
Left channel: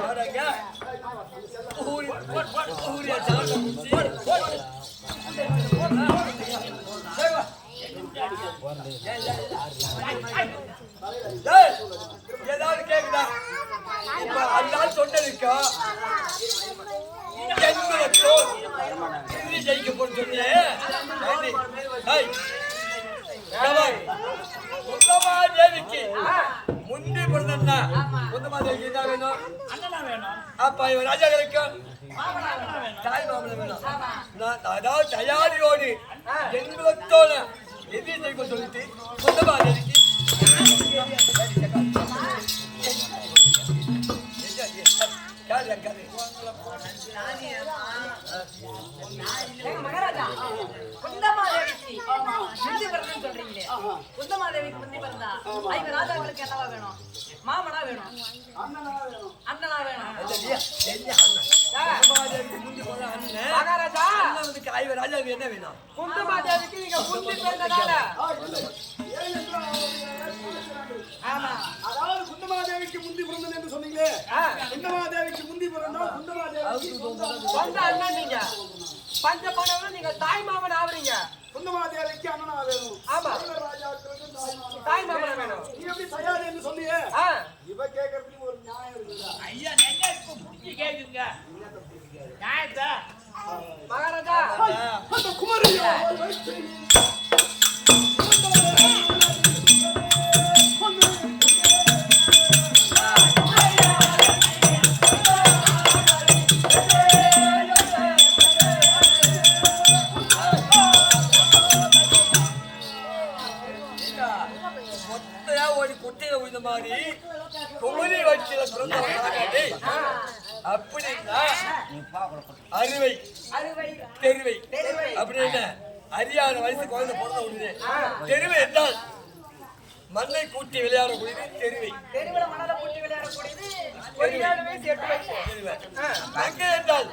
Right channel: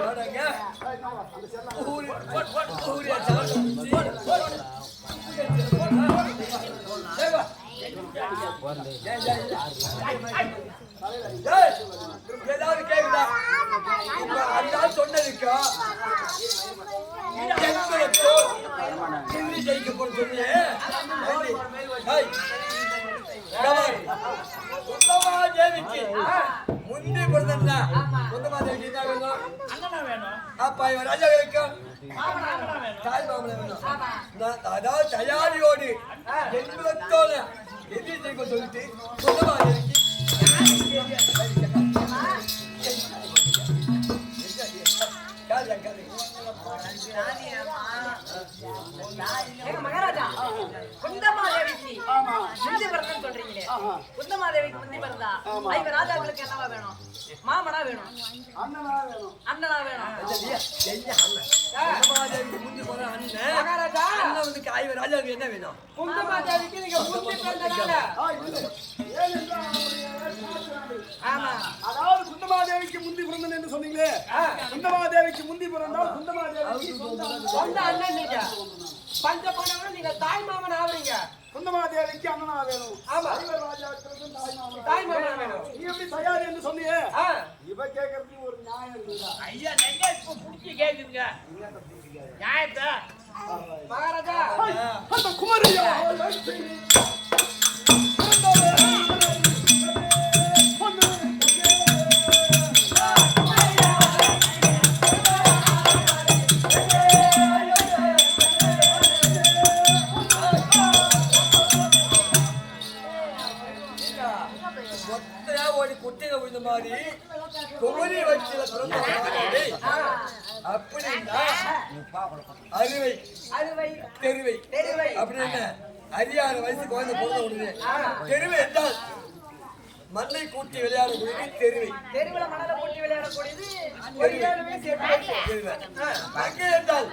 வாடங்க ஊரியா சாப்பிட முடிச்சு ஏதாவது கேக்குதா? இப்ப அந்த சொன்னதுக்கா ஜெயிக்க போன்னு சொன்னேன். குந்தமாதேவிக்கு முந்தி பிறந்தா குந்தமாதேவிக்கு என்ன வேணும்? அண்ணனா வேணும். அப்ப இவன் ராஜாக்களுக்கு மாமனா வேணும். தாய் மாமனை வேணும். நான் அதாவது தயாரியோடு எண்பத்தோட எதிரி ஜெயிக்க சொல்லிட்டு குந்தமாதேவிக்கு மகாராஜா குந்தமாதேவிக்கு முந்தி பிறந்தன்னு சொல்றீங்களே, குந்தமாதேவிக்கு முந்தி பிறந்தா ஐவர் ராஜாக்களுக்கு என்னவா வேணும்? மாமனா வேணும், அண்ணனா வேணும். அண்ணனா வேணும். குந்தமாதேவிக்கு முந்தி போன அண்ணன் மகாராஜா அண்ணன் வந்து காய்வர் ராஜாவுக்கு என்ன வேணும்? குந்தமாதேவிக்கு நீங்க முந்தி பிறந்ததால. இல்லை. ஏன் என்றால் அவருடைய சாஸ்திரங்கள். ஆமா. அதாவது குந்தமாதேவிக்கு முந்தி பிறந்தன் என்று சொன்னீங்களே, குந்தமாதேவிக்கு முந்தி பிறந்தால் குந்தமாதேவிக்கு சொந்த அண்ணன் நீங்க. பஞ்ச பாண்டவர்கள் நீங்க தாய் மாமன் ஆவறீங்க. குந்தமாதேவிக்கு அண்ணனா வேணும். ஆமா. ஐவர் ராஜாக்களுக்கும் தாய் மாமன் வேணும். நீ எப்படி தயார் என்று சொன்னியே, ஆ, இவ கேட்கறதுக்கு ஒரு நியாயம் இருக்குதா? ஐயா நெஞ்ச இப்ப புடிச்சு கேக்குதுங்க நியாயத்தை. மகாராஜா அந்த குமரியா மொத்தையா ஒரு குட்டையில விழுந்த மாதிரி குமரி வயிற்றுல பிறந்தவன் அப்படின்னா அறுவை அறுவை தெருவை தெருவை அப்படின்னு அறியாத வயசு குழந்தை பிறந்த உடனே தெருவை என்றால் மண்ணை கூட்டி விளையாடக்கூடியது தெருவை. தெருவுல மணல கூட்டி விளையாடக்கூடியது ஒரு 7 வயசு 8 வயசு. தெருவை அங்கே என்றால்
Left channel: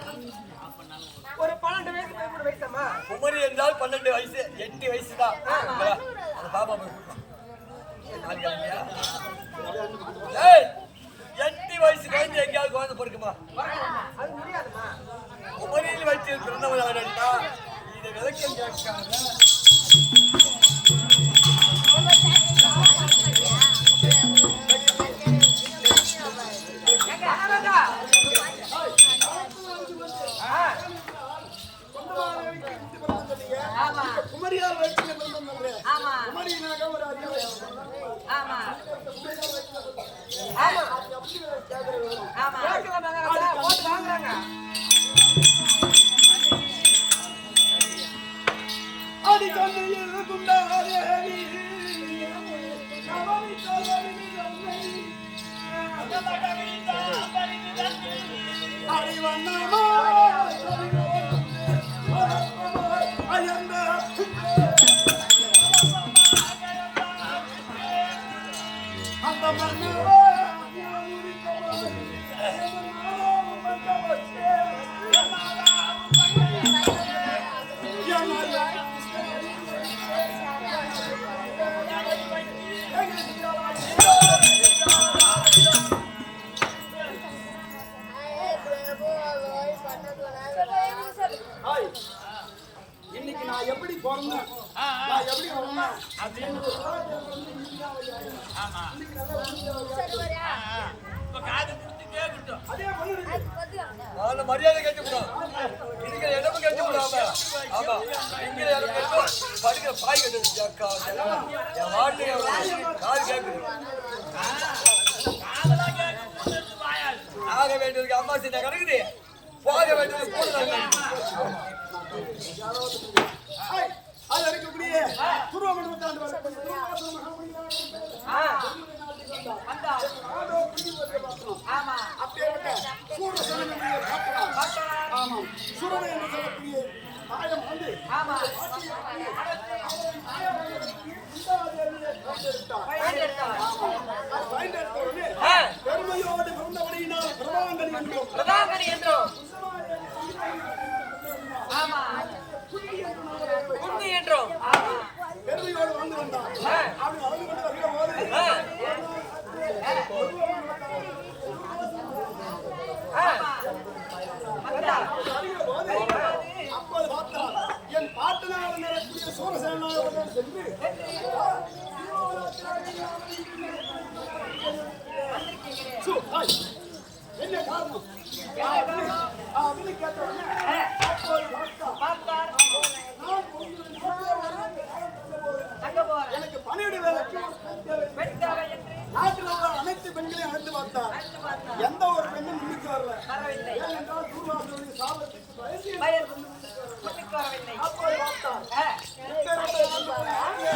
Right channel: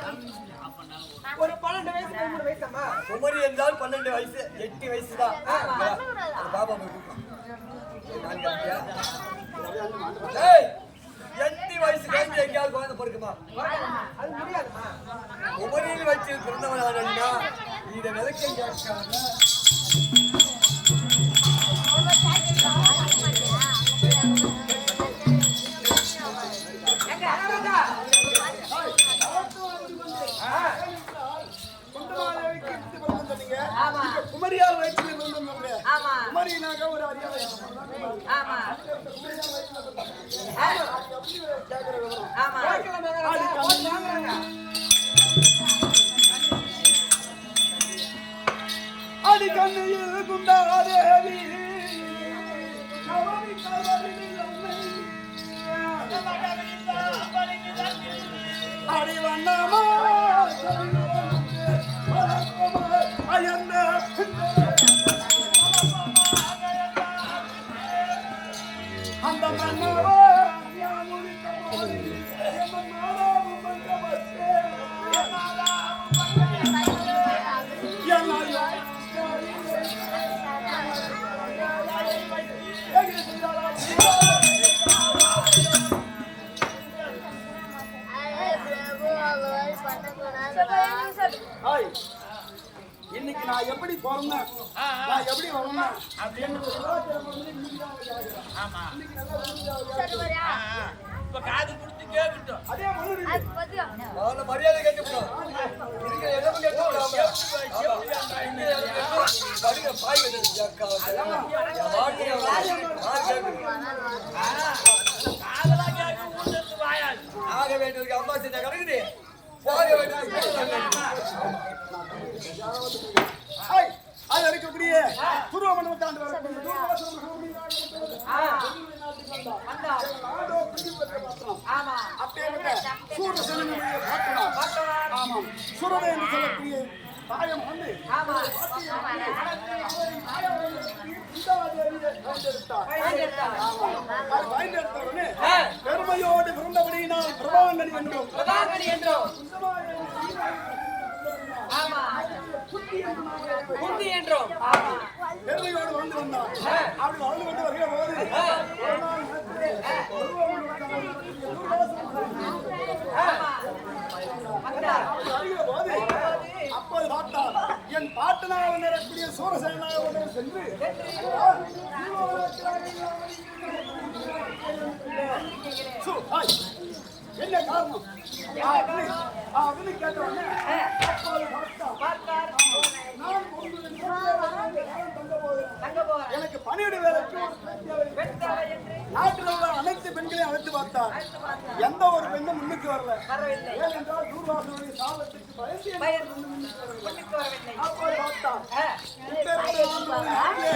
ஒரு 12 வயசு 13 வயசம்மா. குமரி என்றால் 12 வயசு 8 வயசு தான். அந்த பாப்பா போய் கூட்டலாம். மாறிக்கலையா? அப்படியே வந்து மாண்டு மாண்டு. டேய், 8 வயசு குழந்தை எங்கேயாவது குழந்தை பிறக்குமா? அது முடியாதுமா. உமரில் வச்சு பிறந்தவன் அவனா? இதை விளக்கம் கேட்காம குந்தமாதேவிக்கு புத்தி பிறந்தம் சொன்னீங்க. ஆமா. இப்ப குமரியார் வயிற்றுல பிறந்தம் சொல்றேன். ஆமா. குமரினாக ஒரு அரிய வயசு பொண்ணுதான் குமரி. ஆமா. அந்த குமரியார் வயிற்றுல பிறந்தம் சொன்னீங்க. ஆமா. அது எப்படி கேட்கிற விவரம்? ஆமா. கேட்கலாம் மகாராஜா, போட்டு வாங்குறாங்க. அடி கண்ணையில் குந்தாதேவி நவமி கல்வரில் அன்னை அடி வண்ணமா வளர்ப்பமாய் அயர்ந்த பின்னே அந்த மன்னவா ஞான் உரித்தமாய் என் மாதாவும் வந்தவச்சே இன்னைக்கு நான் எப்படி பிறந்தேன், நான் எப்படி வளர்ந்தேன் என்னோட சுறாச்சாரம் வந்து இன்னைக்கு தான் அவ ஆகுறா. இன்னைக்கு நல்லா புரிஞ்சு இப்ப காது கொடுத்து கேட்கட்டும். அதே பண்ணுறீங்க. அவன மரியாதை கேட்டுப்போம். இருக்கிற இடமும் கேட்டுப்போம். ஆமா. இருக்கிற இடமும் படிக்கிற பாய் கட்டு என் வாட்டு காது கேட்குது. காதெல்லாம் கேட்க ஊர்ல இருந்து வாயாது. ஆக வேண்டியதுக்கு அம்மா சின்ன கிடக்குது, போக வேண்டியது இருக்கக்கூடிய துருவ மண்டபத்தாண்டு வரக்கூடிய தூர்வாசல் மகாமுனியாக வந்தார். நாடோ குண்டி பற்றி பார்த்தோம். ஆமா. அப்பேற்பட்ட சூரசேனனுடைய பாட்டனார். ஆமாம், சுரதை என்று சொல்லக்கூடிய தாயம் ஆண்டு ஆமா. பெருமையோடு பிறந்தபடியினால் பிரபாங்கனி என்றும் பிரபாகரி என்றும். ஆமா. குந்தி என்று நாமளே குந்தி என்றும். ஆமா. பெருமையோடு வாழ்ந்து வந்தார். அப்படி வாழ்ந்து கொண்டு வருகிற போது ஒரு நாள் நேரத்திலே துருவமண்டலத்தால் நடக்கூடிய தூர்வாசல் ஆமா. வந்தார். அப்போது பார்த்தார் என் பாட்டனாக நிறக்கூடிய சூரசேனாக கொண்டவர் சென்று என்ன காரணம் அப்படின்னு கேட்ட உடனே அப்போது பார்த்தார். நான் உங்களுடைய நாட்டிலே ஒரு காலம் தங்க போறேன். எனக்கு பணியிட வேலைக்கு ஒரு பெண் தேவை என்று நாட்டில் உள்ள அனைத்து பெண்களையும் அழைத்து பார்த்தார். எந்த ஒரு பெண்ணும் முன்னுக்கு வரல. வரவில்லை. ஏனென்றால் தூர்வாசனுடைய சாபத்துக்கு பயந்து முன்னுக்கு வரவில்லை. அப்போது பார்த்தார் இப்பேற்பட்ட ஆண்டவரின் நாட்டிலே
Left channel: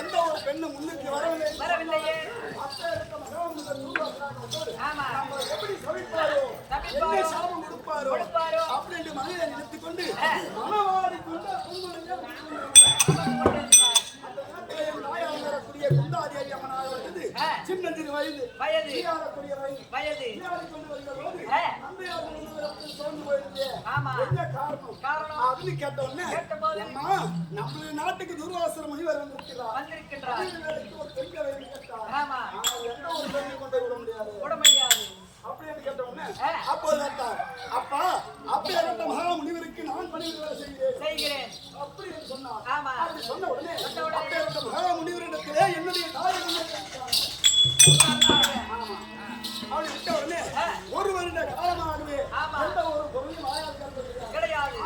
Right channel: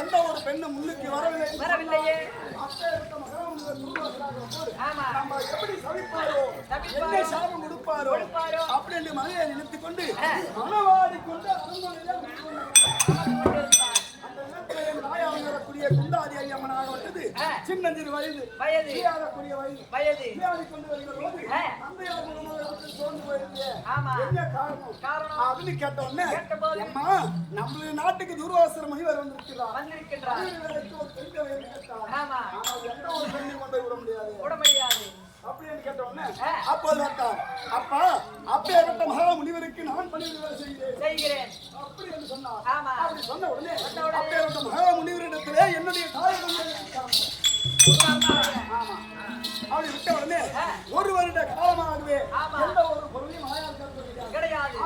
எந்த ஒரு பெண்ணும் முன்னுக்கு வரவில்லையே. அப்பேற்பட்ட மகாமுனிவர் தூர்வாசனாக வந்தோடு ஆமா. நம்ம எப்படி சவிப்பாரோ என்ன சாபம் கொடுப்பாரோ அப்படின்னு மனையை நினைத்துக் கொண்டு மனவாடி கொண்டு அரண்மனையில அந்த நேரத்தில் தாயாக வரக்கூடிய குந்தாதி ஐயம்மனாக வந்தது சின்னஞ்சிறு வயது விளையாடக்கூடிய வயது விளையாடி கொண்டு வருகிற பொழுது அன்றையார் மூலமாக வந்து சோர்ந்து போயிருக்கு. என்ன காரணம் அப்படின்னு கேட்ட உடனே அம்மா நம்மளுடைய நாட்டுக்கு தூர்வாசர் முனிவர் வந்திருக்கிறார். வேலைக்கு ஒரு பெண் தேவை என்று கேட்டார். ஆனால் எந்த ஒரு பெண்ணை கொண்டு விட முடியாது அப்படி என்று கேட்ட உடனே அப்போது கேட்டார் அப்பா அப்பேற்பட்ட மகா முனிவருக்கு நான் பணிவிட வேலை செய்கிறேன் அப்படி என்று சொன்னார். அப்படி சொன்ன உடனே அப்பேற்பட்ட மகா முனிவரிடத்திலே என்னுடைய தாயிடம் ஆமா அப்படி விட்ட உடனே ஒரு வருட காலமாகவே எந்த ஒரு பொருளையும் ஆயால் கிடையாது.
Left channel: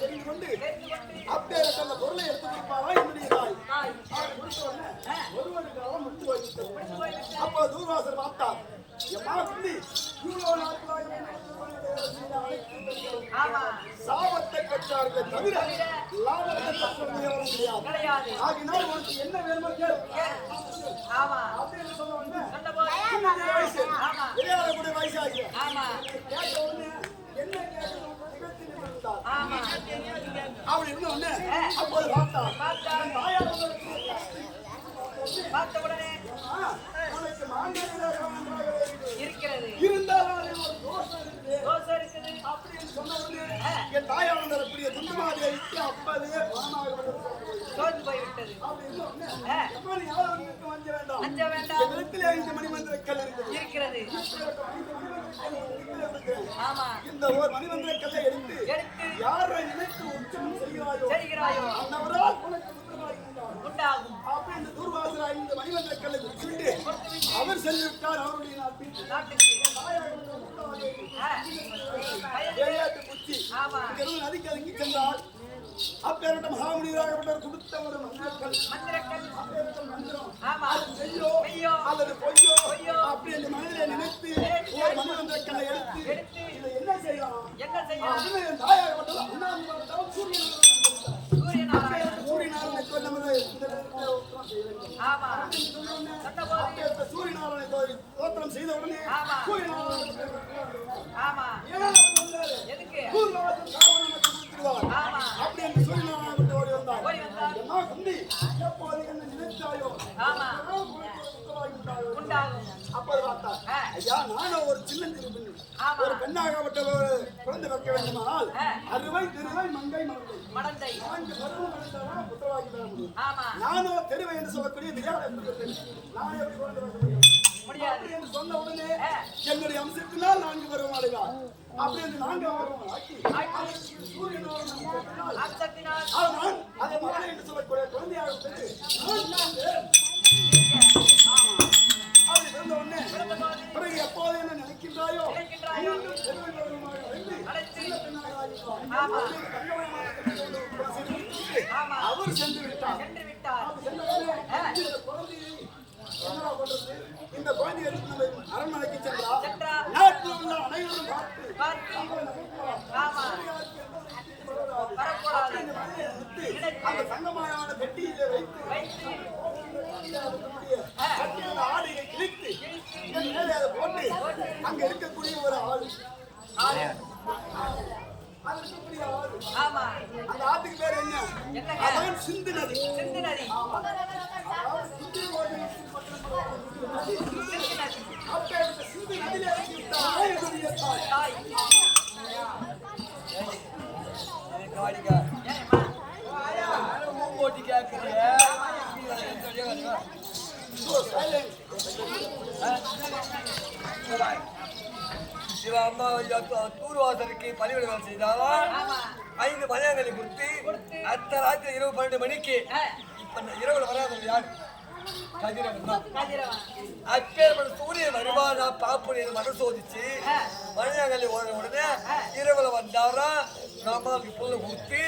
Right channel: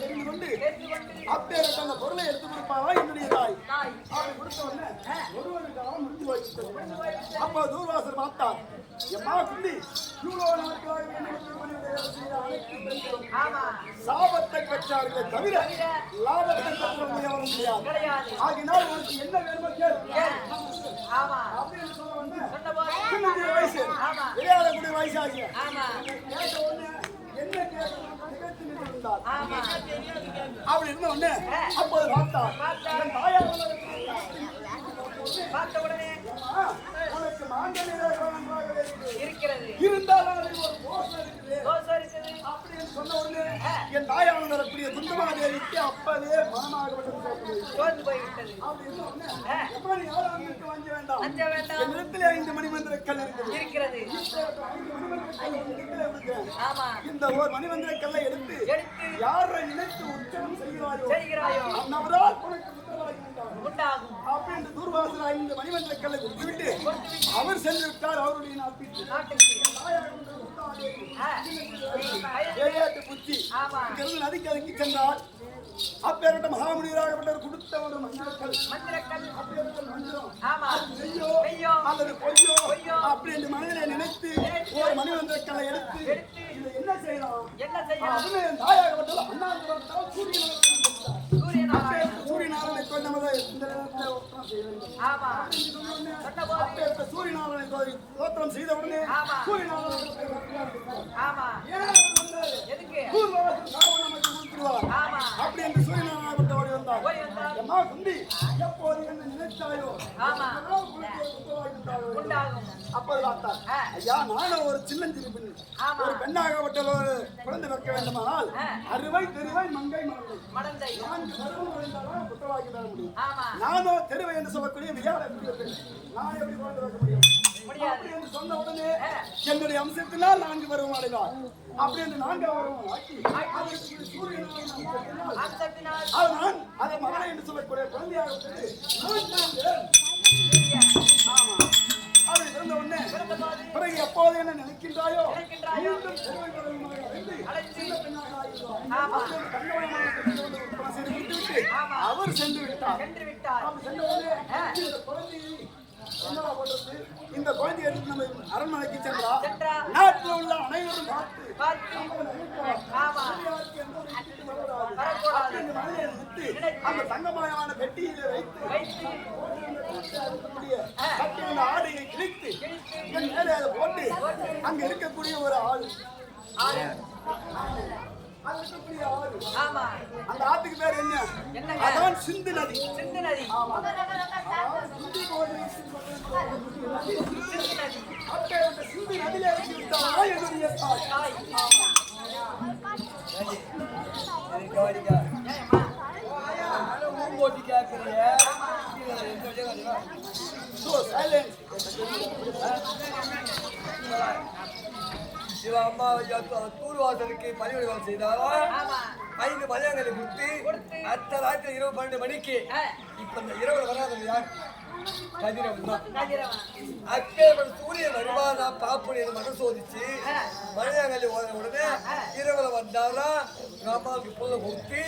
தெரிந்து கொண்டு அப்பேற்பட்ட அந்த பொருளை எடுத்து கொடுப்பாரா என்னுடைய தாய். அப்படி கொடுத்த உடனே ஒரு வருட காலம் முடிந்து போய்விட்டது. அப்போ தூர்வாசர் பார்த்தார் எம்மா குந்தி இவ்வளவு நாட்களாக அனைத்து பெண்களும் சாபத்தை பெற்றார்களே தவிர லாபத்தை பெற்றவங்க எவரும் கிடையாது. ஆகினால் உனக்கு என்ன வேணுமோ கேள் அப்படின்னு சொன்ன உடனே வயசு விளையாடக்கூடிய வயசாகிய கேட்ட உடனே என்ன கேட்கணும் திகழ்ச்சி நின்றிருந்தார். அப்படி இருந்த உடனே அப்போது பார்த்தார் தாயார் பார்த்த உடனே உனக்கு மாங்கல்யம் நன்றாக இருக்கிறது. இருந்தாலும் அதில் ஒரு தோஷம் இருக்குது இருக்குது அப்படின்னு சொன்ன உடனே என் தாயானந்த குந்தமாதேவிக்கு அப்பவே மனமாகப்பட்டது சோர்ந்து போய்விட்டது. அப்படின்னு ஒண்ணு. எப்ப நீ எவ்வளவு வந்துட்டு வஞ்ச வேண்டாம். அஞ்ச வேண்டாம். என்னிடத்திலே 5 மணிமந்திர கல் இருக்குது. இருக்கிறது. 5 மணிமந்திர கல் உன்னிடத்திலே இருக்கிறேன். ஆமா. இந்த ஒரு மணிமந்திர கல்லை எடுத்து யாரை நினைத்து உச்சனம் செய்கிறாயோ அன்னவரால் உனக்கு உத்தரவாகி உண்டாகும். அப்படி இந்த தூர்வாசல் 5 மணிமந்திர கல்லை விட்டுவிட்டு அவர் சென்று விட்டார் அவருடைய நாட்டுக்கு. விளையாட்டு புத்தி நதிக்கு அதுக்கி சென்றால் அப்பேரிட்ட மகாமுனிவராகப்பட்டவர் கொடுத்த ஒரு மந்திரக்கல் அப்பேரிட்ட மந்திரம் செய்யோ அல்லது பொய்யோ அப்படி என்று மனதிலே நினைத்து ஒரு மணிமந்திரக்கல்லை எடுத்து இதை என்ன செய்யலாம் தாயாகப்பட்டவர் அண்ணாந்து சூரியநாராயணை கொண்டு நமது இந்த நேரத்தில் ஓத்திரம் செய்ய வேண்டும். சூரியநாராயணை ஓத்திரம் செய்த உடனே அப்படி என்று சூரியநாராயண ஓடி வந்தார். எப்போது என்ன நினைத்தாயோ அப்போது பார்த்தார். ஐயா நானும் ஒரு சின்னஞ்சிறு பெண் ஒரு பெண்ணாகப்பட்ட ஒரு குழந்தை வைக்க வேண்டுமானால் அறுவை திருவை மங்கை மடந்தை 4 பருவம் அடைந்தாலும் புத்திரவாக்கி பெற முடியும். நானும் தெருவை என்று சொல்லக்கூடிய விளையாடக்கூடிய பெண் நான் எப்படி குழந்தை வைக்க முடியும் அப்படி என்று சொன்ன உடனே என்னுடைய அம்சத்தினால் 4 பருவம் அடைவார். அப்படி என்று 4 பருவம் ஆக்கி நான் அதை மகளை என்று சொல்லக்கூடிய குழந்தையாகப்பட்டது நான் பிறந்தேன். ஆமா அப்படி பிறந்த உடனே பிறகு எப்போது என்ன நினைக்கின்றாயோ மீண்டும் தெருவை பருவமாக அடைந்து சின்ன பெண்ணாக ஆகிவிடுவார். தங்கமயமான பெண்ணை கொண்டு உற்பத்தி செய்து முடித்துவிட்டு அவர் சென்று விட்டார். அப்படி சென்ற உடனே இந்த குழந்தையை என்னடா பண்றது இந்த குழந்தையை எடுத்து நம்ம அரண்மனைக்கு சென்றா நாட்டில் உள்ள அனைவரும் பார்த்து அந்த தங்கமயமான பெட்டியிலே வைத்து ஆடையை கிழித்து மேலே அதை போட்டு அங்க இருக்கக்கூடிய ஒரு ஆடு அது இருக்கக்கூடிய ஆறு. அந்த ஆத்துக்கு பேர் என்ன? அதான் சிந்து நதி. ஆமா அதாவது சுந்தி போது அப்பேற்பட்ட சிந்து நதியில இறக்கி விட்டாரா என்னுடைய தாய். ஊம்போட்டி கேட்கறிய இவ அம்மா தூர்வாசலுக்கு பணிவிட வேலை செய்தாலா 5 மணியாங்களை கொடுத்து அத்த ராத்திரி இரவு 12 மணிக்கு இப்ப இந்த இரவுல வராதவங்க யாரு? கதிரவன் தான். அப்பேற்பட்ட சூரியன் வருவானா பாப்பு மனசோதிச்சு மணியாங்கல்லி உடனே இரவுல வந்தாரா அம்மாவுக்கு புள்ள கொடுத்து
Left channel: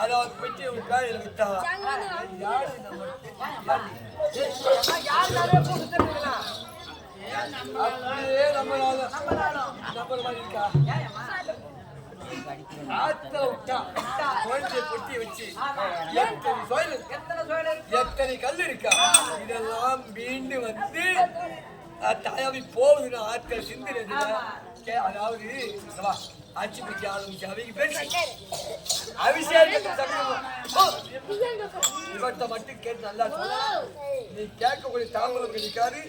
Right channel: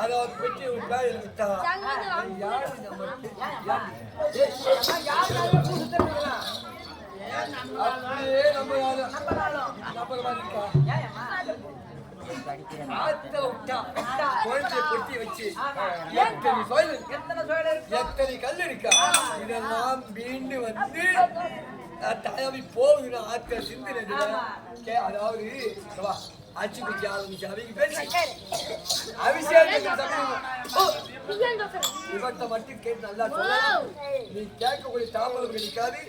அதாவது பெட்டி வேலையில விட்டாரா யாரு நம்மளுக்கு அப்படியே நம்பர் மாதிரி இருக்கா? ஆத்துல விட்டா குழந்தைய பொட்டி வச்சு எத்தனை கல் இருக்கா இதெல்லாம் மீண்டு வந்து தாயாவி போகுதுன்னு ஆட்கள் சிந்தினது. அதாவது அச்சு பிடிக்க ஆரம்பிச்சு அவங்க பேசி அபிஷேகத்தை இவர்கிட்ட மட்டும் கேட்டு நல்லா சொல்லலாம். நீ கேட்கக்கூடிய தாம்பலம் கிடைக்காது.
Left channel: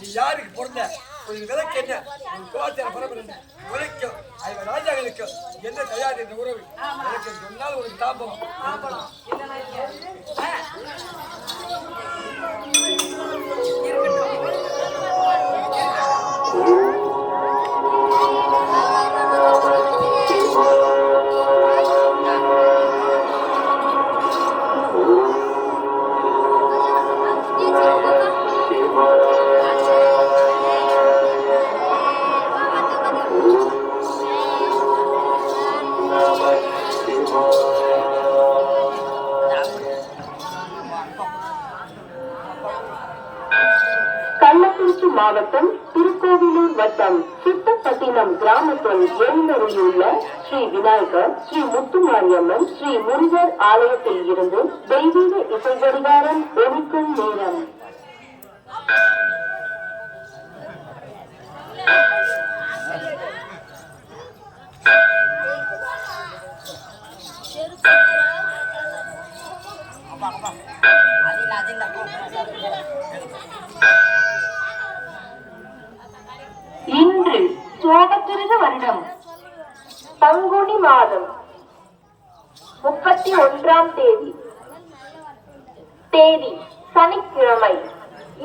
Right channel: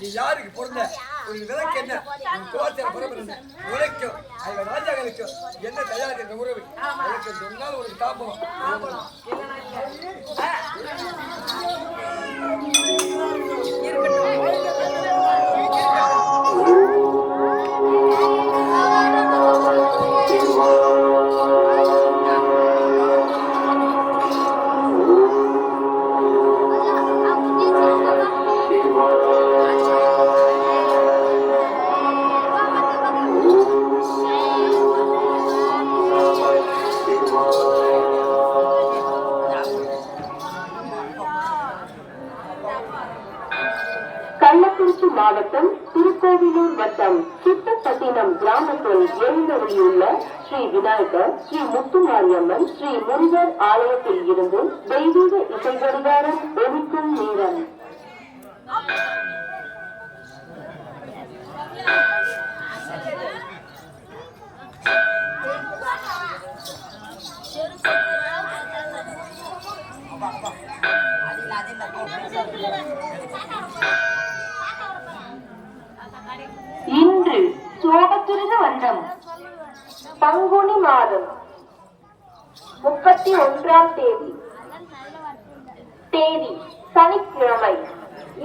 நீ யாருக்கு பிறந்த ஒரு விலைக்கு என்ன உன் குலாச்சார பரம்பரை என்ன உழைக்கும் ஐவ ராஜாக்களுக்கும் என்ன தயார் என்ற உறவு எனக்கு சொன்னால் உனக்கு தாம்பலம் கள்ளக்குறிச்சி மாவட்டம் திருக்கோவிலூர் வட்டம் சித்தப்பட்டினம் கிராமத்தில் எழுந்தருளியுள்ள ஸ்ரீ விநாயகர், ஸ்ரீ முத்துமாரியம்மன், ஸ்ரீ முருகர் ஆலயத்தில் இருந்து தெய்வீக இசை கடிகாரம் ஒலிக்கும் நேரம். இன்று சோபக்கிருத வருடம் பங்குனி மாதம் 31ஆம் தேதி சனிக்கிழமை.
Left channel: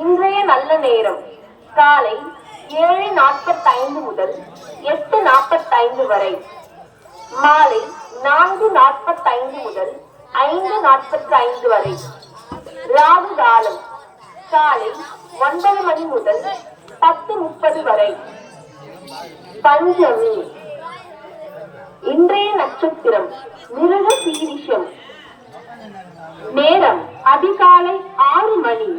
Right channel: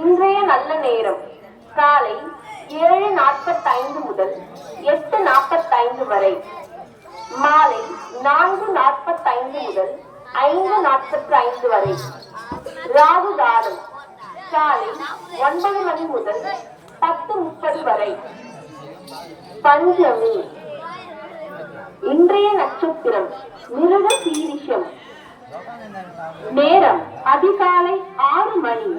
இன்றைய நல்ல நேரம் காலை 7:45 முதல் 8:45 வரை, மாலை 4:45 முதல் 5:45 வரை. ராகு காலம் காலை 9 மணி முதல் 10:30 வரை. பஞ்சமி. இன்றைய நட்சத்திரம் மிருக சீரிஷம். நேரம் அதிகாலை 6 மணி.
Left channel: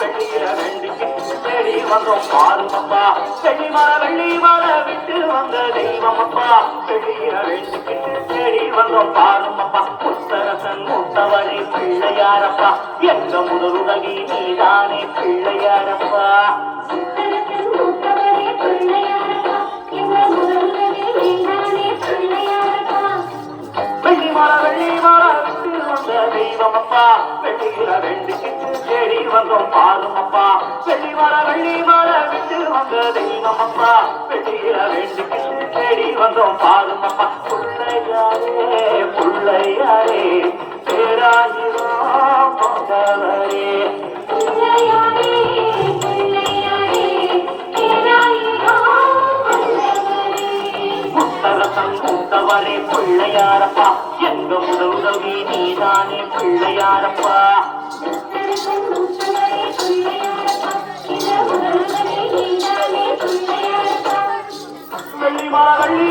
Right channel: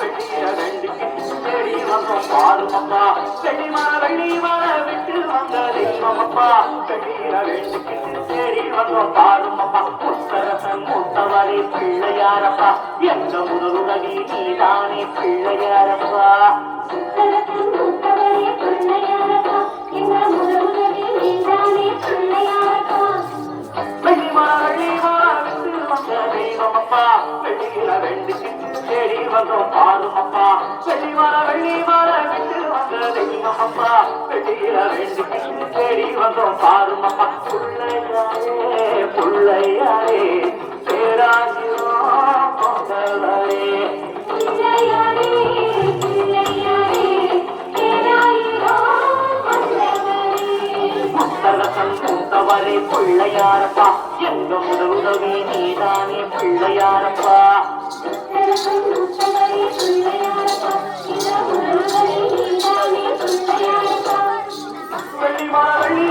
வெள்ளிய வேண்டிக்கிட்டு தேடி வந்தோம் பாருமப்பா. செடி மர வெள்ளி மர விட்டு வந்த தெய்வமப்பா. வெள்ளிய வேண்டிக்கிட்டு தேடி வந்தோம் பாருமப்பா. முத்தரசன் மூத்தவரே பிள்ளையாரப்பா. எங்க முதலுலகி நீதானே பிள்ளையாரப்பா. வெள்ளி மர விட்டு வந்த தெய்வமப்பா. வெள்ளியில வேண்டிக்கிட்டு தேடி வந்தோம் பாருமப்பா. வெள்ளி மர விட்டு வந்த தெய்வமப்பா. வெள்ளியில வேண்டிக்கிட்டு தேடி வந்தோம் பாருமப்பா. பிள்ளையாரே பிள்ளையாரே பேராயிரோ மகளே. முத்தரசன் மூத்தவரே பிள்ளையாரப்பா. எங்க முதலுதவி நீதானே பிள்ளையாரப்பா.